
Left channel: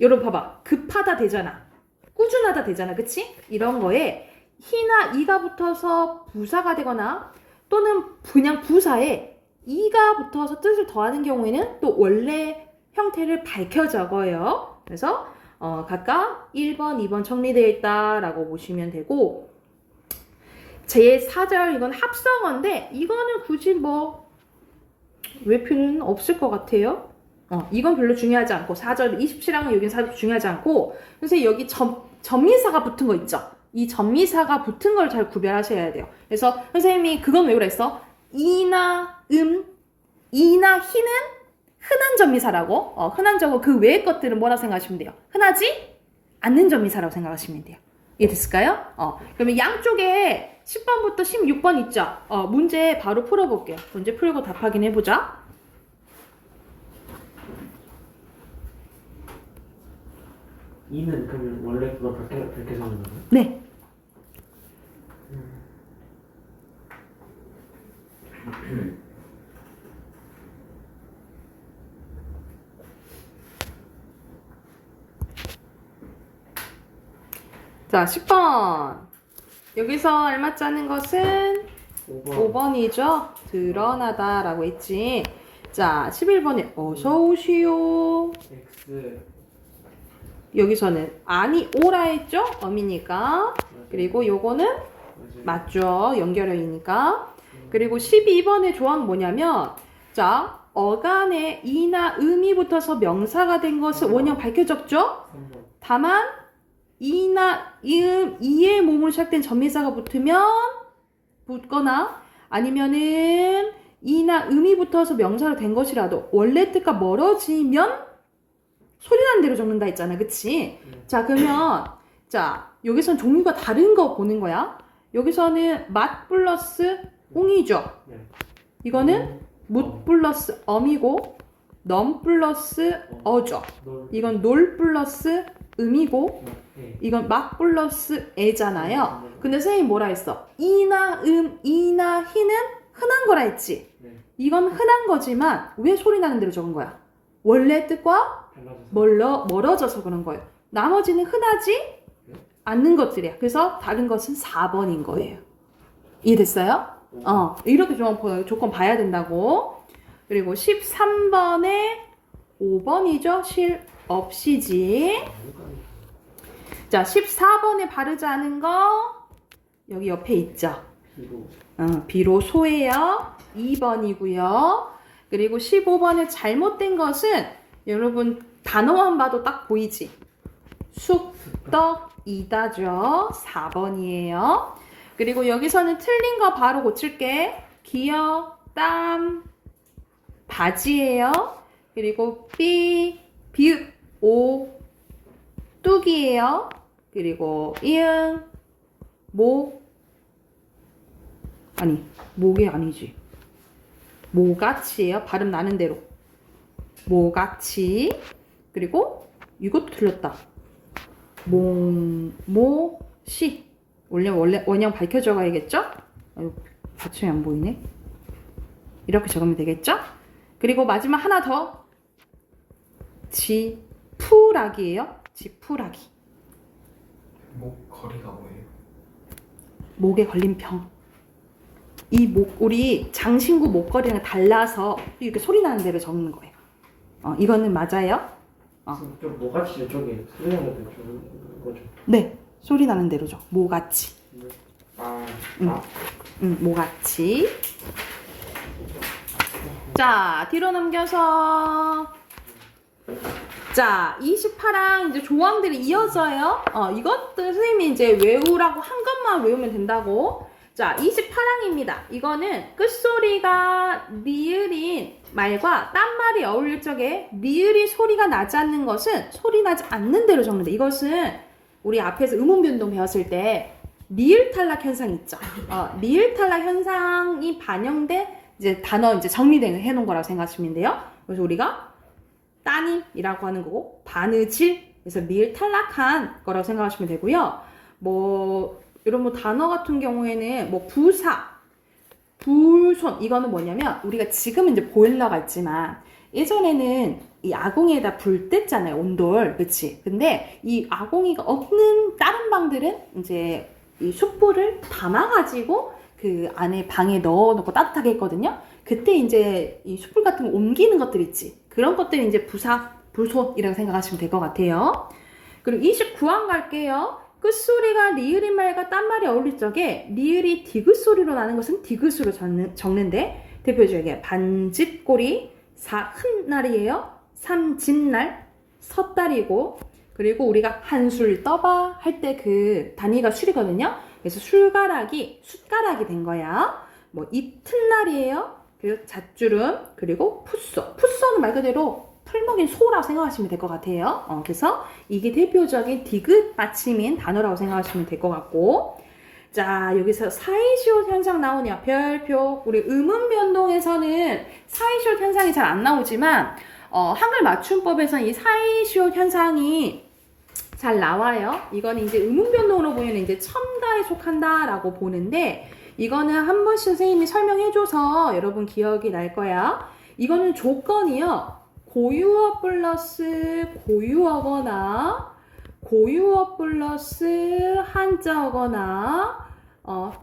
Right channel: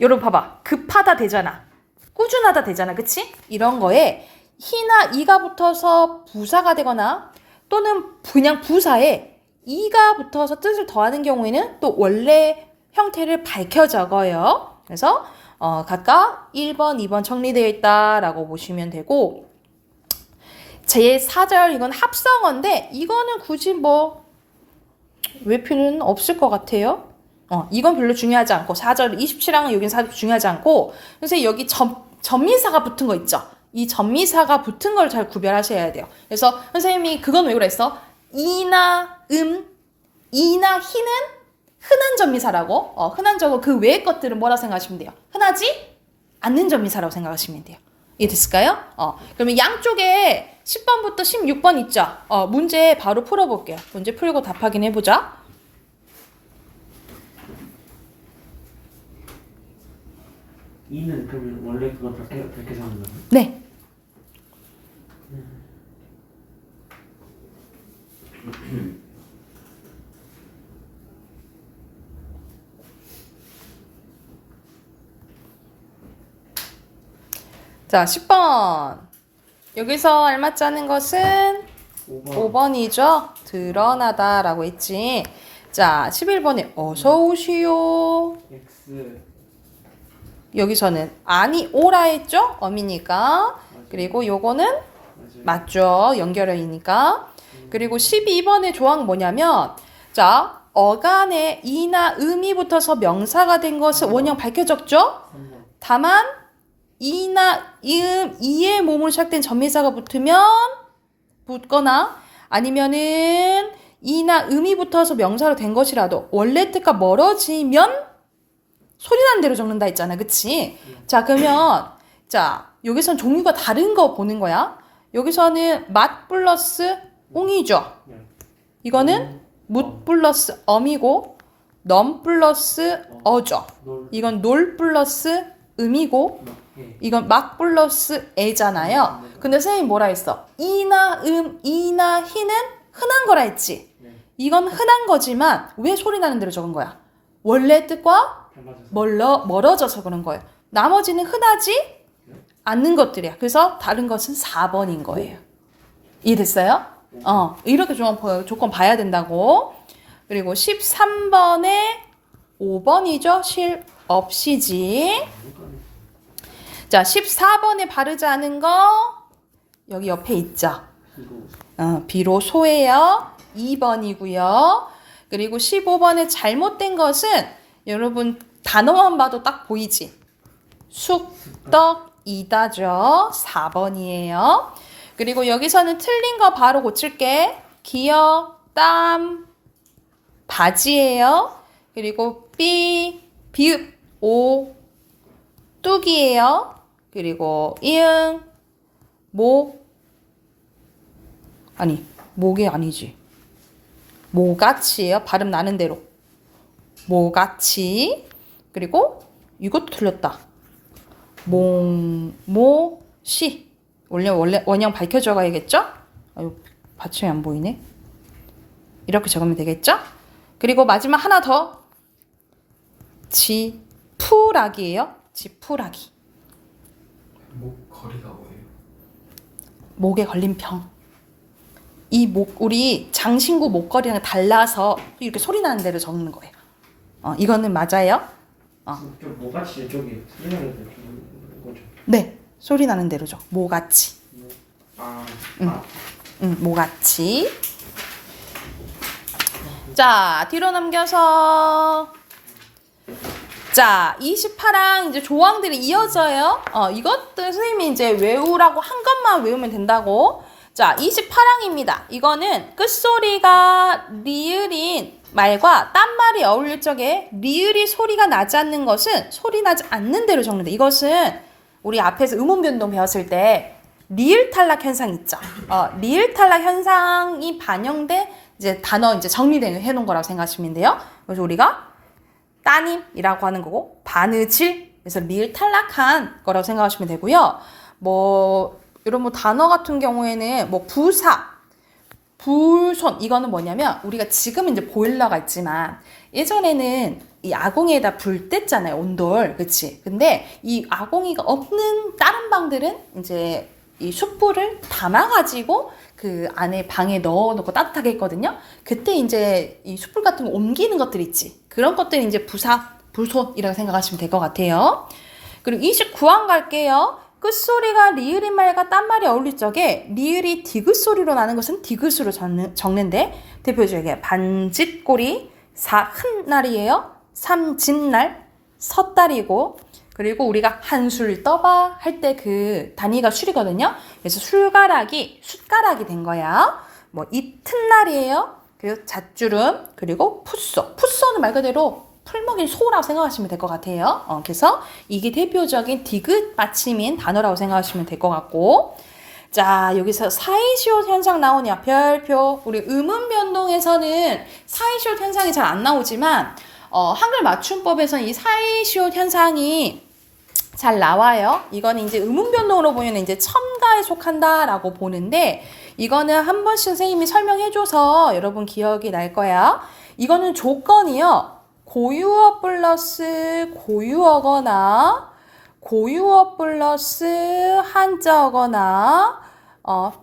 여러분 봐봐. 급하다 되잖아. 꾸준하다 되잖아. 그치? 이런 거에 희나 이가 붙어서 부사가 되거나 또는 그냥 부사에 이가 붙어서 뜻을 더하는 경우에는 또 원래 형태를 밝혀 적어요. 그래서 각각 1번, 2번 정리되어 있다라고 보시면 되고, 제4절 이건 합성어인데 이거는 굳이 뭐 외표는 없을 것 같아요. 이건 별로 중요하지 않고 4절 27항은 여긴 4절 중요하지 않고, 그래서 여기 전미사가 붙은 거 있죠. 이 전미사가 붙은 걸 잘 구별하셔야 돼요. 그래서 선생님이 그건 왜 그랬어? 이나 이나 희는 흔한 전미사라고. 흔한 적어 그 외의 것들은 뭐라고 생각하시면 돼요? 흔하지 않는 전미사라고 생각하시면 돼요. 이해됐을까요? 그러면 양쪽에 10번부터 16번 있죠? 문제 바로 풀어볼게요. 문제 풀고 답 확인해보자. 이는 그러면 원래 그거 그렇게 적는 거예요? 네. 자, 10번. 여기서 알맞자는 것은 5번이죠. 드러나다라고 했지. 자, 11번에 어서 오시오. X. 여기서는 아니 오라 했죠? 어미니까. 그리고 요거는 맞죠. 연결어이니까. 그리고 12번의 조항 뭐냐면, 자, 어간에 이나 음이 붙어서 명사가 된 것을 원형 밝혀졌죠? 3번. 다만 이나 이의 몸으로 시작된 전미사가 붙거나 아니면은 이나 음이 붙어서 명사로 된 것이라도 원래 뜻과 멀어지면 소리 나는 대로 적는다 했잖아. 그치? 자, 그러면 자, 여기선 종류가 다른 거 보는 거야. 여기서는 맛 플러스 옹이죠. 네. 이거는 묻 플러스 엄이고 넘 플러스 어죠. 이건 놀 플러스 음이고 이건 막 플러스 애잖아요. 근데 선생님이 뭐라 했어? 이나 이나 희는 흔한 거라 했지. 이건 흔한 거지만 왜 소리 나는 대로 적은 거야? 원래 뜻과 멀어져서 그런 거예요. 나머지는 흔하지 않는 것들이야. 그래서 다른 것은 4번인 거예요. 이해됐어요? 이렇게 조건 봐야 된다고. 그리고 13번에 5번이죠. 실 없이지. 자, 14번에 바르지 않은 거 여기 옆에 있죠. 비로소예요. 2번이고요. 그리고 15번에 잘못된 것은 여러분 단어만 봐도 딱 보이지. 쑥떡이다죠. 4번이에요. 그리고 여기서는 틀린 거 바로 고칠게. 기어, 땀, 바지예요. 그리고 비읍, 오, 뚝이에요. 그리고 이응, 목이 아니지. 모같이예요. 발음 나는 대로. 모같이. 그리고 이것도 틀렸다. 모시. 원래 원형 밝혀 적어야겠죠? 받침이 안 보이네. 이렇게 적으면 되겠죠? 그리고 마지막 하나 더. 지푸라기예요. 지푸라기. 목걸이가 뭐예요? 목에 걸린 병. 우리 장신구 목걸이랑 달라서 이렇게 소리 나는 대로 적는 거예요. 이거는 맞아요? 좀 뭐같이 저기 소리 나는 대로 적는 거죠? 네, 소리 나는 대로 적. 모같이. 모같이. 자, 뒤로 넘겨서. 자, 28항 이제 조항들이 이어져요. 이것들 선생님이 이제 외우라고 한 것만 외우면 된다고. 자, 28항입니다. 이거는 끝소리가 리을인 말과 딴 말이 어울릴 적에 리을이 소리가 나지 않는 것은 소리 나지 않는 대로 적는다. 이것은 우리 앞에서 음운 변동 배웠을 때 리을 탈락 현상 있죠. 리을 탈락 현상이 반영돼 이제 단어 이제 정리해 놓은 거라고 생각하시면 돼요. 그래서 우리가 따님이라고 하는 거고 바느질 그래서 리을 탈락한 거라고 생각하시면 되고요. 뭐 이런 뭐 단어 같은 경우에는 뭐 부사, 불손 이거는 뭐냐면 우리가 지금 이제 보일러가 있지만 예전에는 이 아궁이에다 불 뗐잖아요. 온돌. 그치? 근데 이 아궁이가 없는 다른 방들은 이제 이 숯불을 담아가지고 그 안에 방에 넣어놓고 따뜻하게 했거든요. 그때 이제 이 숯불 같은 거 옮기는 것들 있지. 그런 것들이 이제 부사, 불손이라고 생각하시면 될 것 같아요. 그리고 29항 갈게요. 끝소리가 리을인 말과 딴 말이 어울릴 적에 리을이 디귿 소리로 나는 것은 디귿으로 적는데 대표적인 반짓꼬리, 사흔날이에요. 삼진날, 섣달이고 그리고 우리가 한술 떠봐 할 때 그 단위가 술이거든요. 그래서 술가락이 숫가락이 된 거야. 뭐 이튿날이에요. 그리고 잣주름 그리고 풋소. 풋소는 말 그대로 풀먹인 소라고 생각하시면 될 것 같아요. 그래서 이게 대표적인 디귿 받침인 단어라고 생각하시면 될 것 같고 자 여기서 사이시옷 현상 나오냐 별표 우리 음운 변동에서는 사이시옷 현상이 잘 안 나오지만 한글 맞춤법에서는 이 사이시옷 현상이 잘 나와요. 이거는 이제 음운 변동으로 보면 이제 첨가에 속한다라고 보는데 이거는 한 번씩 선생님이 설명해줘서 여러분 기억이 날 거야. 이거는 조건이요. 고유어 플러스 고유어거나 고유어 플러스 한자어거나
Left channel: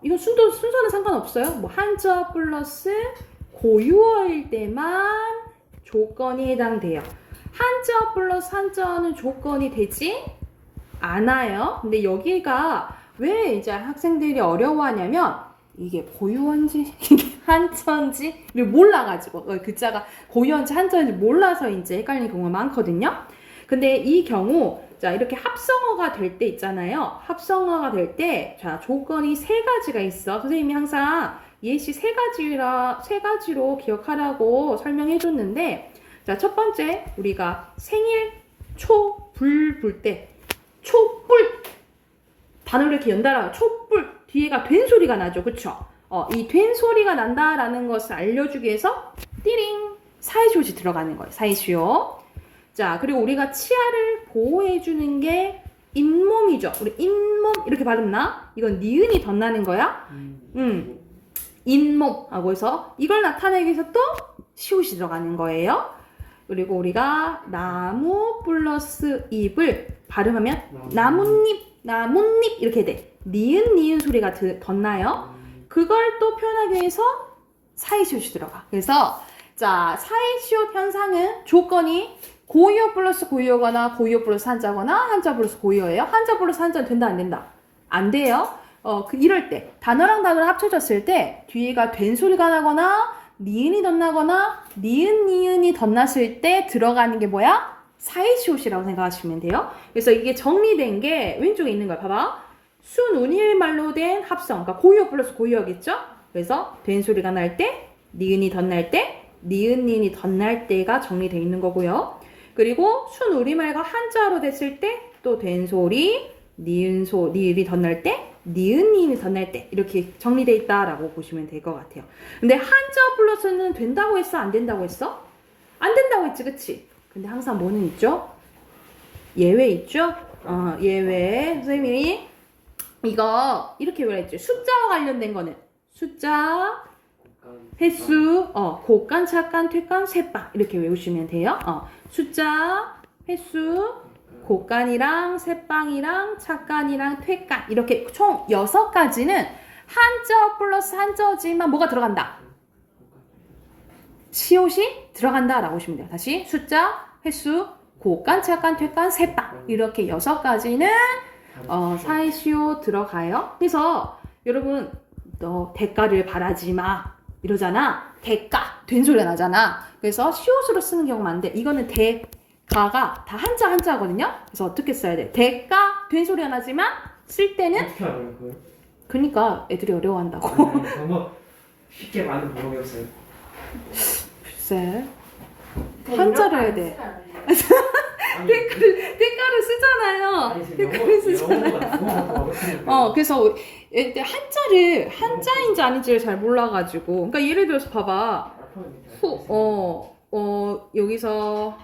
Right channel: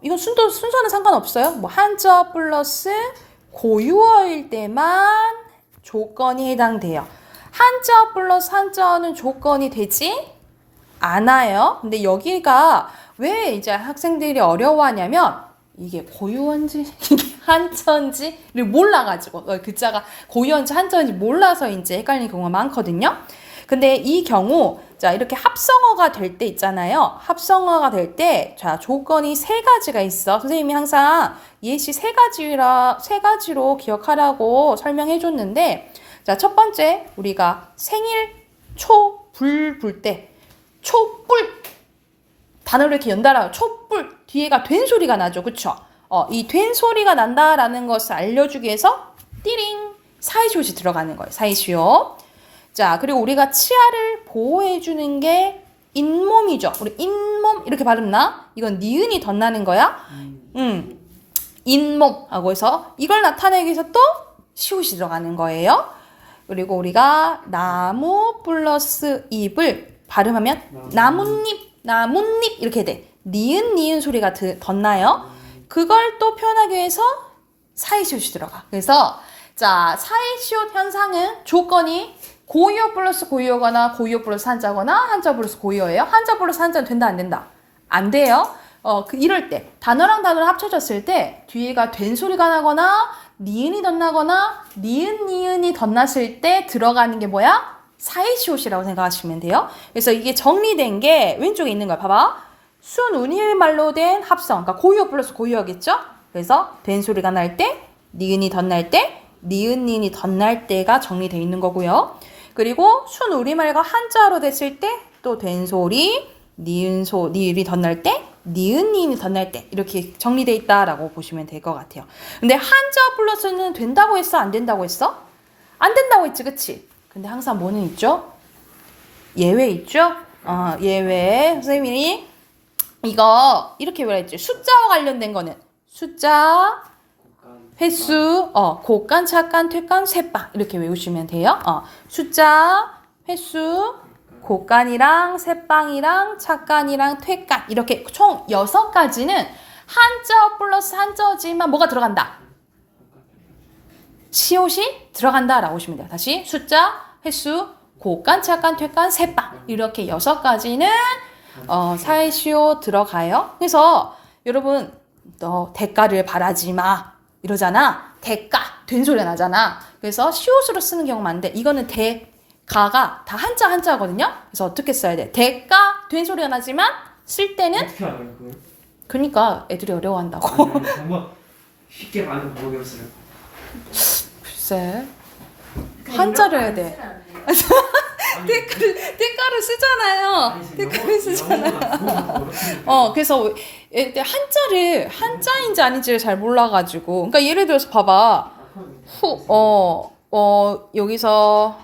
이건 순서는 상관없어요. 뭐 한자어 플러스 고유어일 때만 조건이 해당돼요. 한자어 플러스 한자어는 조건이 되지 않아요. 근데 여기가 왜 이제 학생들이 어려워하냐면 이게 고유어인지 이게 한자인지를 몰라가지고 글자가 고유어인지 한자인지 몰라서 이제 헷갈리는 경우가 많거든요. 근데 이 경우 자 이렇게 합성어가 될 때 있잖아요. 합성어가 될 때 자 조건이 세 가지가 있어. 선생님이 항상 예시 세 가지로 기억하라고 설명해 줬는데 자 첫 번째 우리가 생일 초불 불 때 촛불 단어를 이렇게 연달아 촛불 뒤에가 된 소리가 나죠. 그쵸? 이 된 소리가 난다라는 것을 알려주기 위해서 띠링 사이시옷이 들어가는 거예요. 사이시옷. 자 그리고 우리가 치아를 보호해주는 게 잇몸이죠. 우리 잇몸 이렇게 발음나? 이건 니은이 덧나는 거야. 잇몸 하고 해서 이걸 나타내기 위해서 또 시옷이 들어가는 거예요. 그리고 우리가 나무 플러스 잎을 발음하면 나뭇잎 이렇게 돼. 니은 소리가 덧나요. 그걸 또 표현하기 위해서 사이시옷이 들어가. 그래서 자 사이시옷 현상은 조건이 고유어 플러스 고유어거나 고유어 플러스 한자거나 한자 플러스 고유어예요. 한자 플러스 한자는 된다 안 된다? 안 돼요. 이럴 때 단어랑 단어를 합쳐졌을 때 뒤에가 된 소리가 나거나 니은이 덧나거나 니은이 덧났을 때 들어가는 게 뭐야? 사이시옷이라고 생각하시면 돼요. 그래서 이게 정리된 게 왼쪽에 있는 거야. 봐봐. 순운일 말로 된 합성. 그러니까 고유어 플러스 고유어겠죠? 그래서 된 소리가 날 때, 니은이 덧날 때, 니은이 덧날 때가 정리되어 있는 거고요. 그리고 순우리말과 한자어로 됐을 때 또 된 소리, 니은이 덧날 때, 니은이 덧날 때 이렇게 정리되어 있다라고 보시면 될 것 같아요. 근데 한자어 플러스는 된다고 했어? 안 된다고 했어? 안 된다고 했지, 그치? 근데 항상 뭐는 있죠? 예외 있죠? 예외. 선생님이 이거 이렇게 외워야지. 숫자와 관련된 거는 숫자, 횟수, 곶간, 착간, 퇴간, 셋방 이렇게 외우시면 돼요. 숫자, 횟수, 곶간이랑 셋방이랑 착간이랑 퇴간 이렇게 총 6가지는 한자어 플러스 한자어지만 뭐가 들어간다? 시옷이 들어간다라고 보시면 돼요. 다시 숫자, 횟수, 곶간, 착간, 퇴간, 셋방 이렇게 6가지는 사이시옷 들어가요. 그래서 여러분 너 대가를 바라지 마 이러잖아. 대가 된 소리가 나잖아. 그래서 시옷으로 쓰는 경우가 많은데 이거는 대가가 다 한자거든요. 그래서 어떻게 써야 돼? 대가 된 소리가 나지만 쓸 때는 어떻게 알아요 그걸? 그러니까 애들이 어려워한다고. 아니, 정말 쉽게 많은 방법이었어요. 글쎄 한자를 해야 돼. 대가를 쓰잖아요. 대가를 쓰잖아요. 그래서 한자인지 아닌지를 잘 몰라가지고. 그러니까 예를 들어서 봐봐. 여기서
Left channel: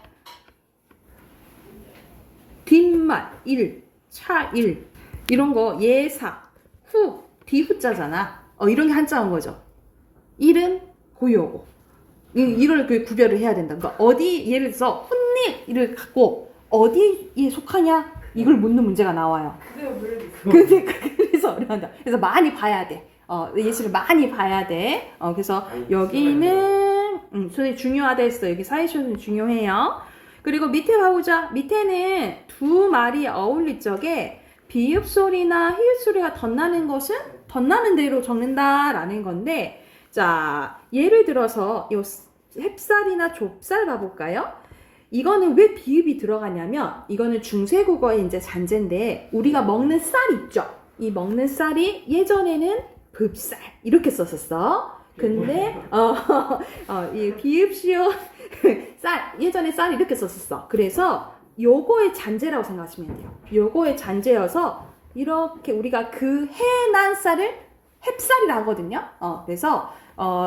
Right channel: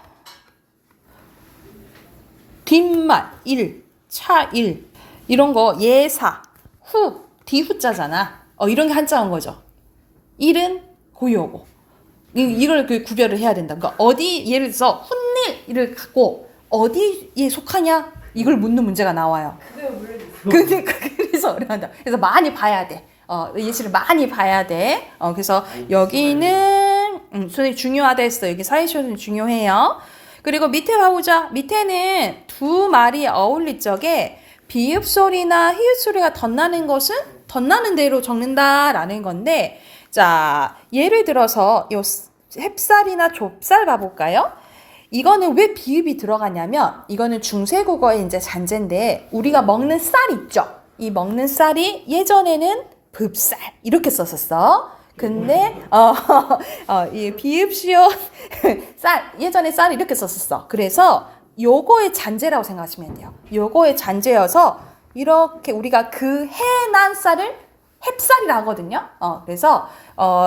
뒷말, 일, 차일 이런 거 예사, 후, 뒤후자잖아. 이런 게 한자인 거죠. 일은 고유어고. 이걸 그 구별을 해야 된다. 그러니까 어디 예를 들어서 혼일을 갖고 어디에 속하냐 이걸 묻는 문제가 나와요. 근데 그래서 어려운다. 그래서 많이 봐야 돼. 예시를 많이 봐야 돼. 그래서 여기는 선생님 중요하다 했어. 여기 사회시험이 중요해요. 그리고 밑에 봐보자. 밑에는 두 말이 어울릴 적에 비읍 소리나 히읗 소리가 덧나는 것은 덧나는 대로 적는다라는 건데, 자 예를 들어서 요 햅쌀이나 좁쌀 봐볼까요? 이거는 왜 비읍이 들어가냐면 이거는 중세국어의 이제 잔재인데 우리가 먹는 쌀 있죠? 이 먹는 쌀이 예전에는 뭅쌀 이렇게 썼었어. 근데 이 비읍 시옷 쌀 예전에 쌀 이렇게 썼었어. 그래서 요거의 잔재라고 생각하시면 돼요. 요거의 잔재여서 이렇게 우리가 그 해난 쌀을 햅쌀이라 하거든요. 그래서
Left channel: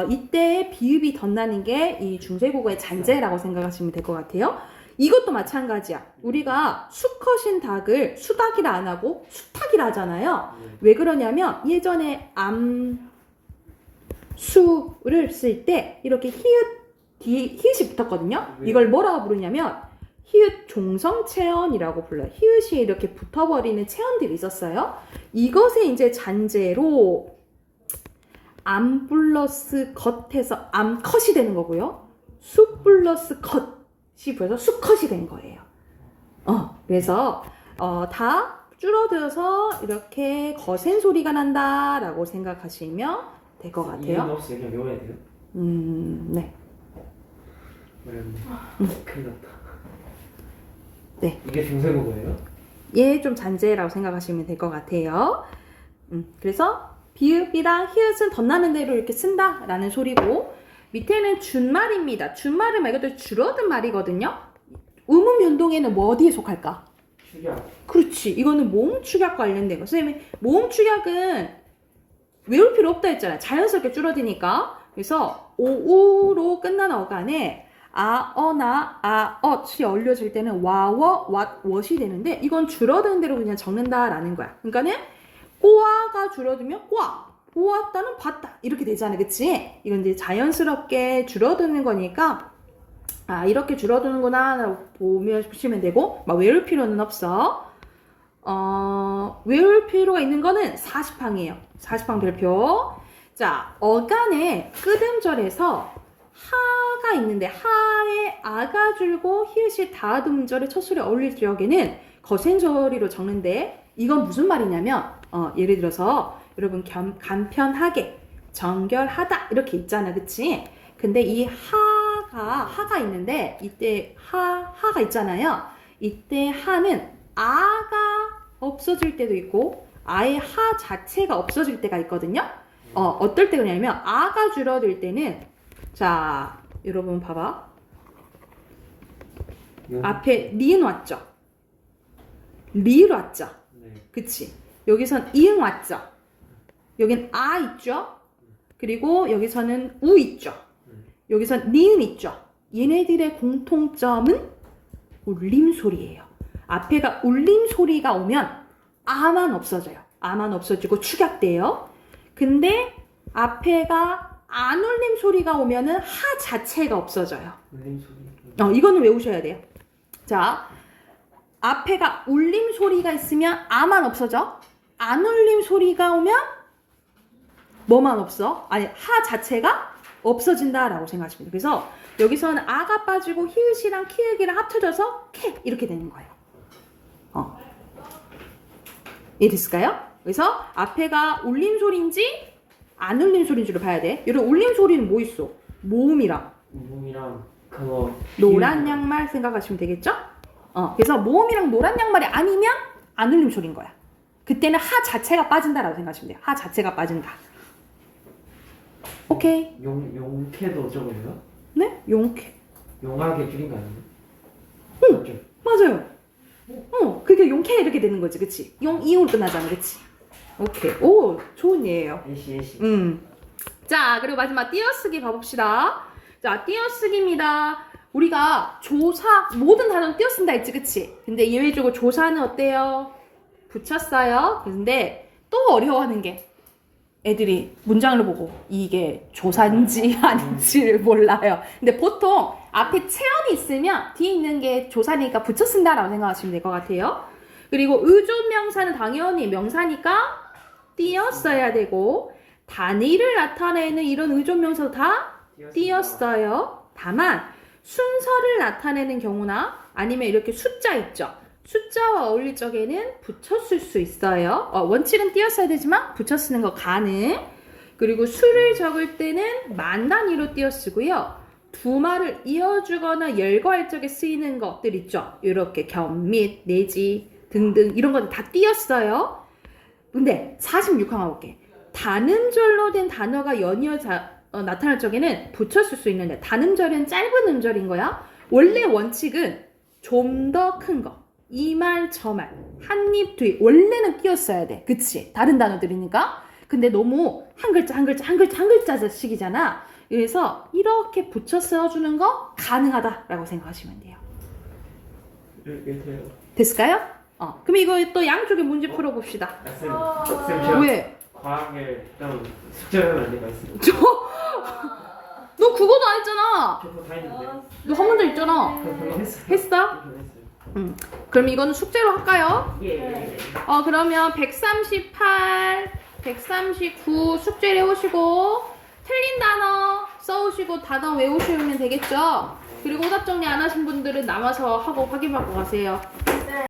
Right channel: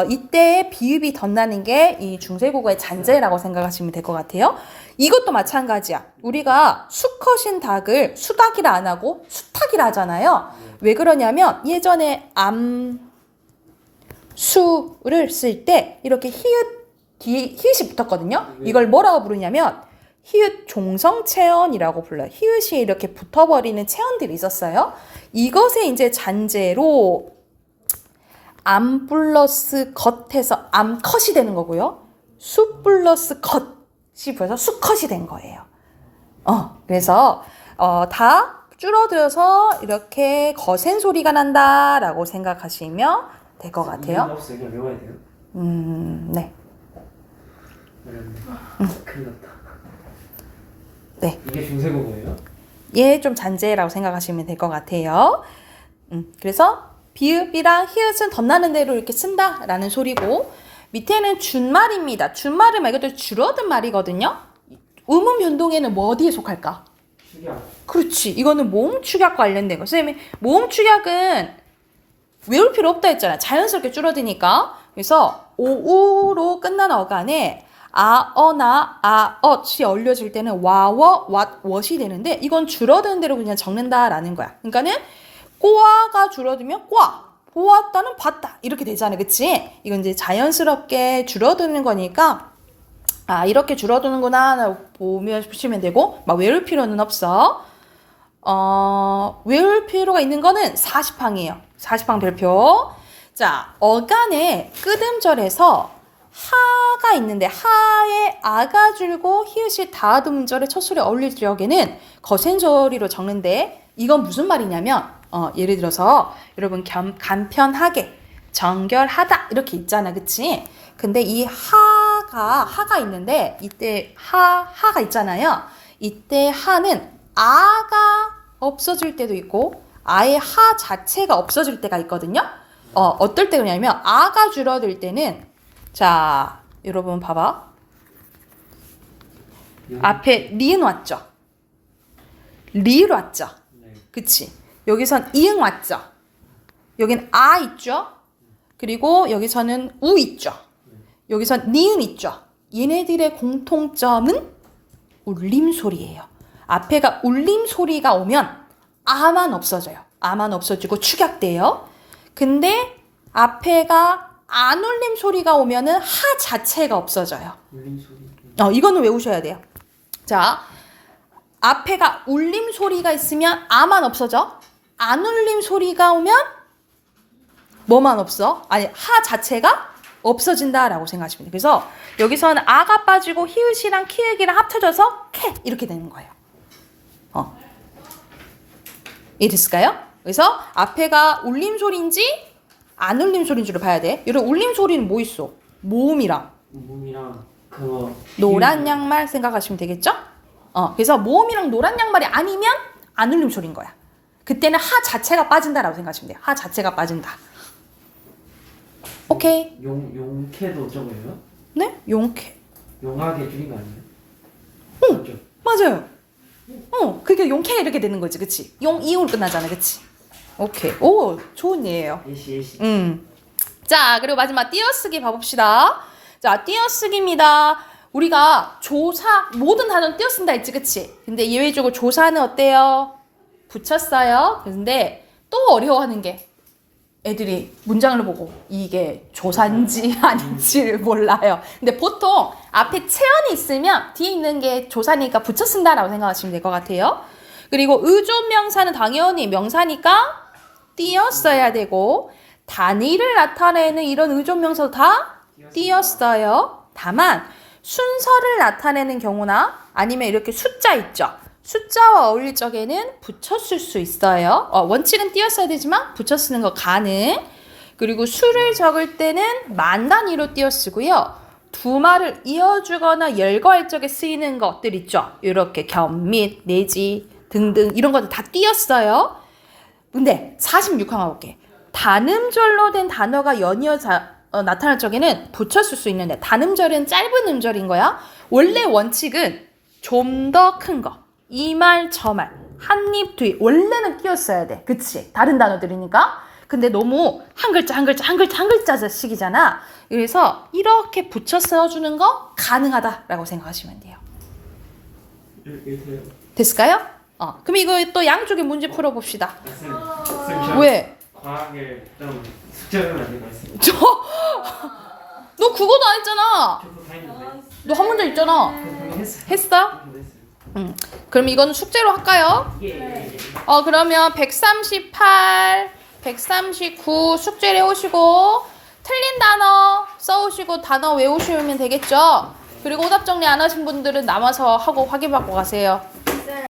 이때 비읍이 덧나는 게 이 중세국어의 잔재라고 생각하시면 될 것 같아요. 이것도 마찬가지야. 우리가 수컷인 닭을 수닭이라 안 하고 수탉이라 하잖아요. 왜 그러냐면 예전에 암수를 쓸 때 이렇게 뒤에 히읗이 붙었거든요. 이걸 뭐라고 부르냐면 히읗 종성체언이라고 불러요. 히읗이 이렇게 붙어버리는 체언들이 있었어요. 이것에 이제 잔재로 암 플러스 겉에서 암컷이 되는 거고요. 수 플러스 겉이 벌써 수컷이 된 거예요. 그래서 다 줄어들어서 이렇게 거센 소리가 난다라고 생각하시면 될 것 같아요. 이런 거 없어요. 그냥 외워야 돼요. 네. 큰일 났다. 네. 이게 중세국어예요? 얘 좀 잔재라고 생각하시면 될 것 같아요. 그래서 비읍이랑 히읗은 덧나는 대로 이렇게 쓴다라는 소리고, 밑에는 준말입니다. 준말이 말 그대로 줄어든 말이거든요. 음운 변동에는 뭐 어디에 속할까? 축약. 그렇지. 이거는 모음 축약 관련된 거. 선생님이 모음 축약은 외울 필요 없다 했잖아. 자연스럽게 줄어드니까. 그래서 오우로 끝나는 어간에 아어나 아엇이 얼려질 때는 와워 왓워이 되는데 이건 줄어드는 대로 그냥 적는다라는 거야. 그러니까는 꼬아가 줄어들면 꼬아, 보았다는 봤다 이렇게 되잖아. 그치? 이건 이제 자연스럽게 줄어드는 거니까 이렇게 줄어드는구나 보시면 되고, 막 외울 필요는 없어. 외울 필요가 있는 거는 40항이에요. 40항 별표. 자, 어간에 끄듬절에서 하가 있는데 하에 아가 줄고 히읗이 다듬절의 첫 소리 어울릴 적에는 거센 소리로 적는데, 이건 무슨 말이냐면 예를 들어서 여러분 간편하게 정결하다 이렇게 있잖아. 그치? 근데 이 하가 있는데 이때 하가 있잖아요. 이때 하는 아가 없어질 때도 있고 아예 하 자체가 없어질 때가 있거든요. 어떨 때 그러냐면 아가 줄어들 때는, 자 여러분 봐봐. 앞에 리은 왔죠? 리을 왔죠? 네. 그치? 여기선 이응 왔죠? 여긴 아 있죠? 그리고 여기서는 우 있죠? 여기선 니은 있죠? 얘네들의 공통점은 울림소리예요. 앞에가 울림소리가 오면 아만 없어져요. 아만 없어지고 축약돼요. 근데 앞에가 안 울림 소리가 오면은 하 자체가 없어져요. 울림 소리. 이거는 외우셔야 돼요. 자, 앞에가 울림 소리가 있으면 아만 없어져. 안 울림 소리가 오면 뭐만 없어? 아니, 하 자체가 없어진다라고 생각하시면 돼요. 그래서 여기서는 아가 빠지고 히읗이랑 키읔이랑 합쳐져서 캐 이렇게 되는 거예요. 이해됐을까요? 그래서 앞에가 울림 소리인지 안 울림 소리인지를 봐야 돼. 이런 울림 소리는 뭐 있어? 모음이랑 그거 노란 양말 생각하시면 되겠죠? 그래서 모음이랑 노란 양말이 아니면 안 울림 소리인 거야. 그때는 하 자체가 빠진다라고 생각하시면 돼요. 하 자체가 빠진다. 오케이. 용캐도 저거예요? 네? 용캐. 용하게 줄인 거 아니에요? 응. 맞아요. 그게 용캐 이렇게 되는 거지, 그치? 용 이용으로 끝나잖아, 그치? 오케이. 오, 좋은 예예요. 예시. 자, 그리고 마지막 띄어쓰기 봐봅시다. 자, 띄어쓰기입니다. 우리가 조사 모든 단어는 띄어 쓴다 했지, 그치? 근데 예외적으로 조사는 어때요? 붙였어요. 근데 또 어려워하는 게 애들이 문장을 보고 이게 조사인지 아닌지를 몰라요. 근데 보통 앞에 체언이 있으면 뒤에 있는 게 조사니까 붙여 쓴다라고 생각하시면 될 것 같아요. 그리고 의존명사는 당연히 명사니까 띄어 써야 되고 단위를 나타내는 이런 의존명사도 다 띄어 써요. 다만 순서를 나타내는 경우나 아니면 이렇게 숫자 있죠. 숫자와 어울릴 적에는 붙였을 수 있어요. 원칙은 띄었어야 되지만 붙여 쓰는 거 가능. 그리고 수를 적을 때는 만 단위로 띄어 쓰고요. 두 말을 이어주거나 열거할 적에 쓰이는 것들 있죠. 이렇게 겸, 및, 내지 등등 이런 것들 다 띄었어요. 근데 46항 가볼게. 단음절로 된 단어가 연이어 나타날 적에는 붙였을 수 있는데 단음절은 짧은 음절인 거야. 원래 원칙은 좀 더 큰 거. 이 말, 저 말, 한 입, 두 입. 원래는 띄었어야 돼. 그치? 다른 단어들이니까. 근데 너무 한 글자, 한 글자, 한 글자, 한 글자씩이잖아. 그래서 이렇게 붙여 써주는 거 가능하다라고 생각하시면 돼요. 이렇게요. 됐을까요? 그럼 이거 또 양쪽에 문제 풀어봅시다. 쌤, 왜? 과학을 좀 숙제하면 안 될까 했어요. 너 그거도 안 했잖아. 저도 다 했는데. 너 한 문제 있잖아. 그거 했어요. 했어? 그럼 이건 숙제로 할까요? 예. 그러면 138, 139 숙제를 해오시고 틀린 단어 써오시고 단어 외우시면 되겠죠? 그리고 오답 정리 안 하신 분들은 남아서 하고 확인받고 가세요.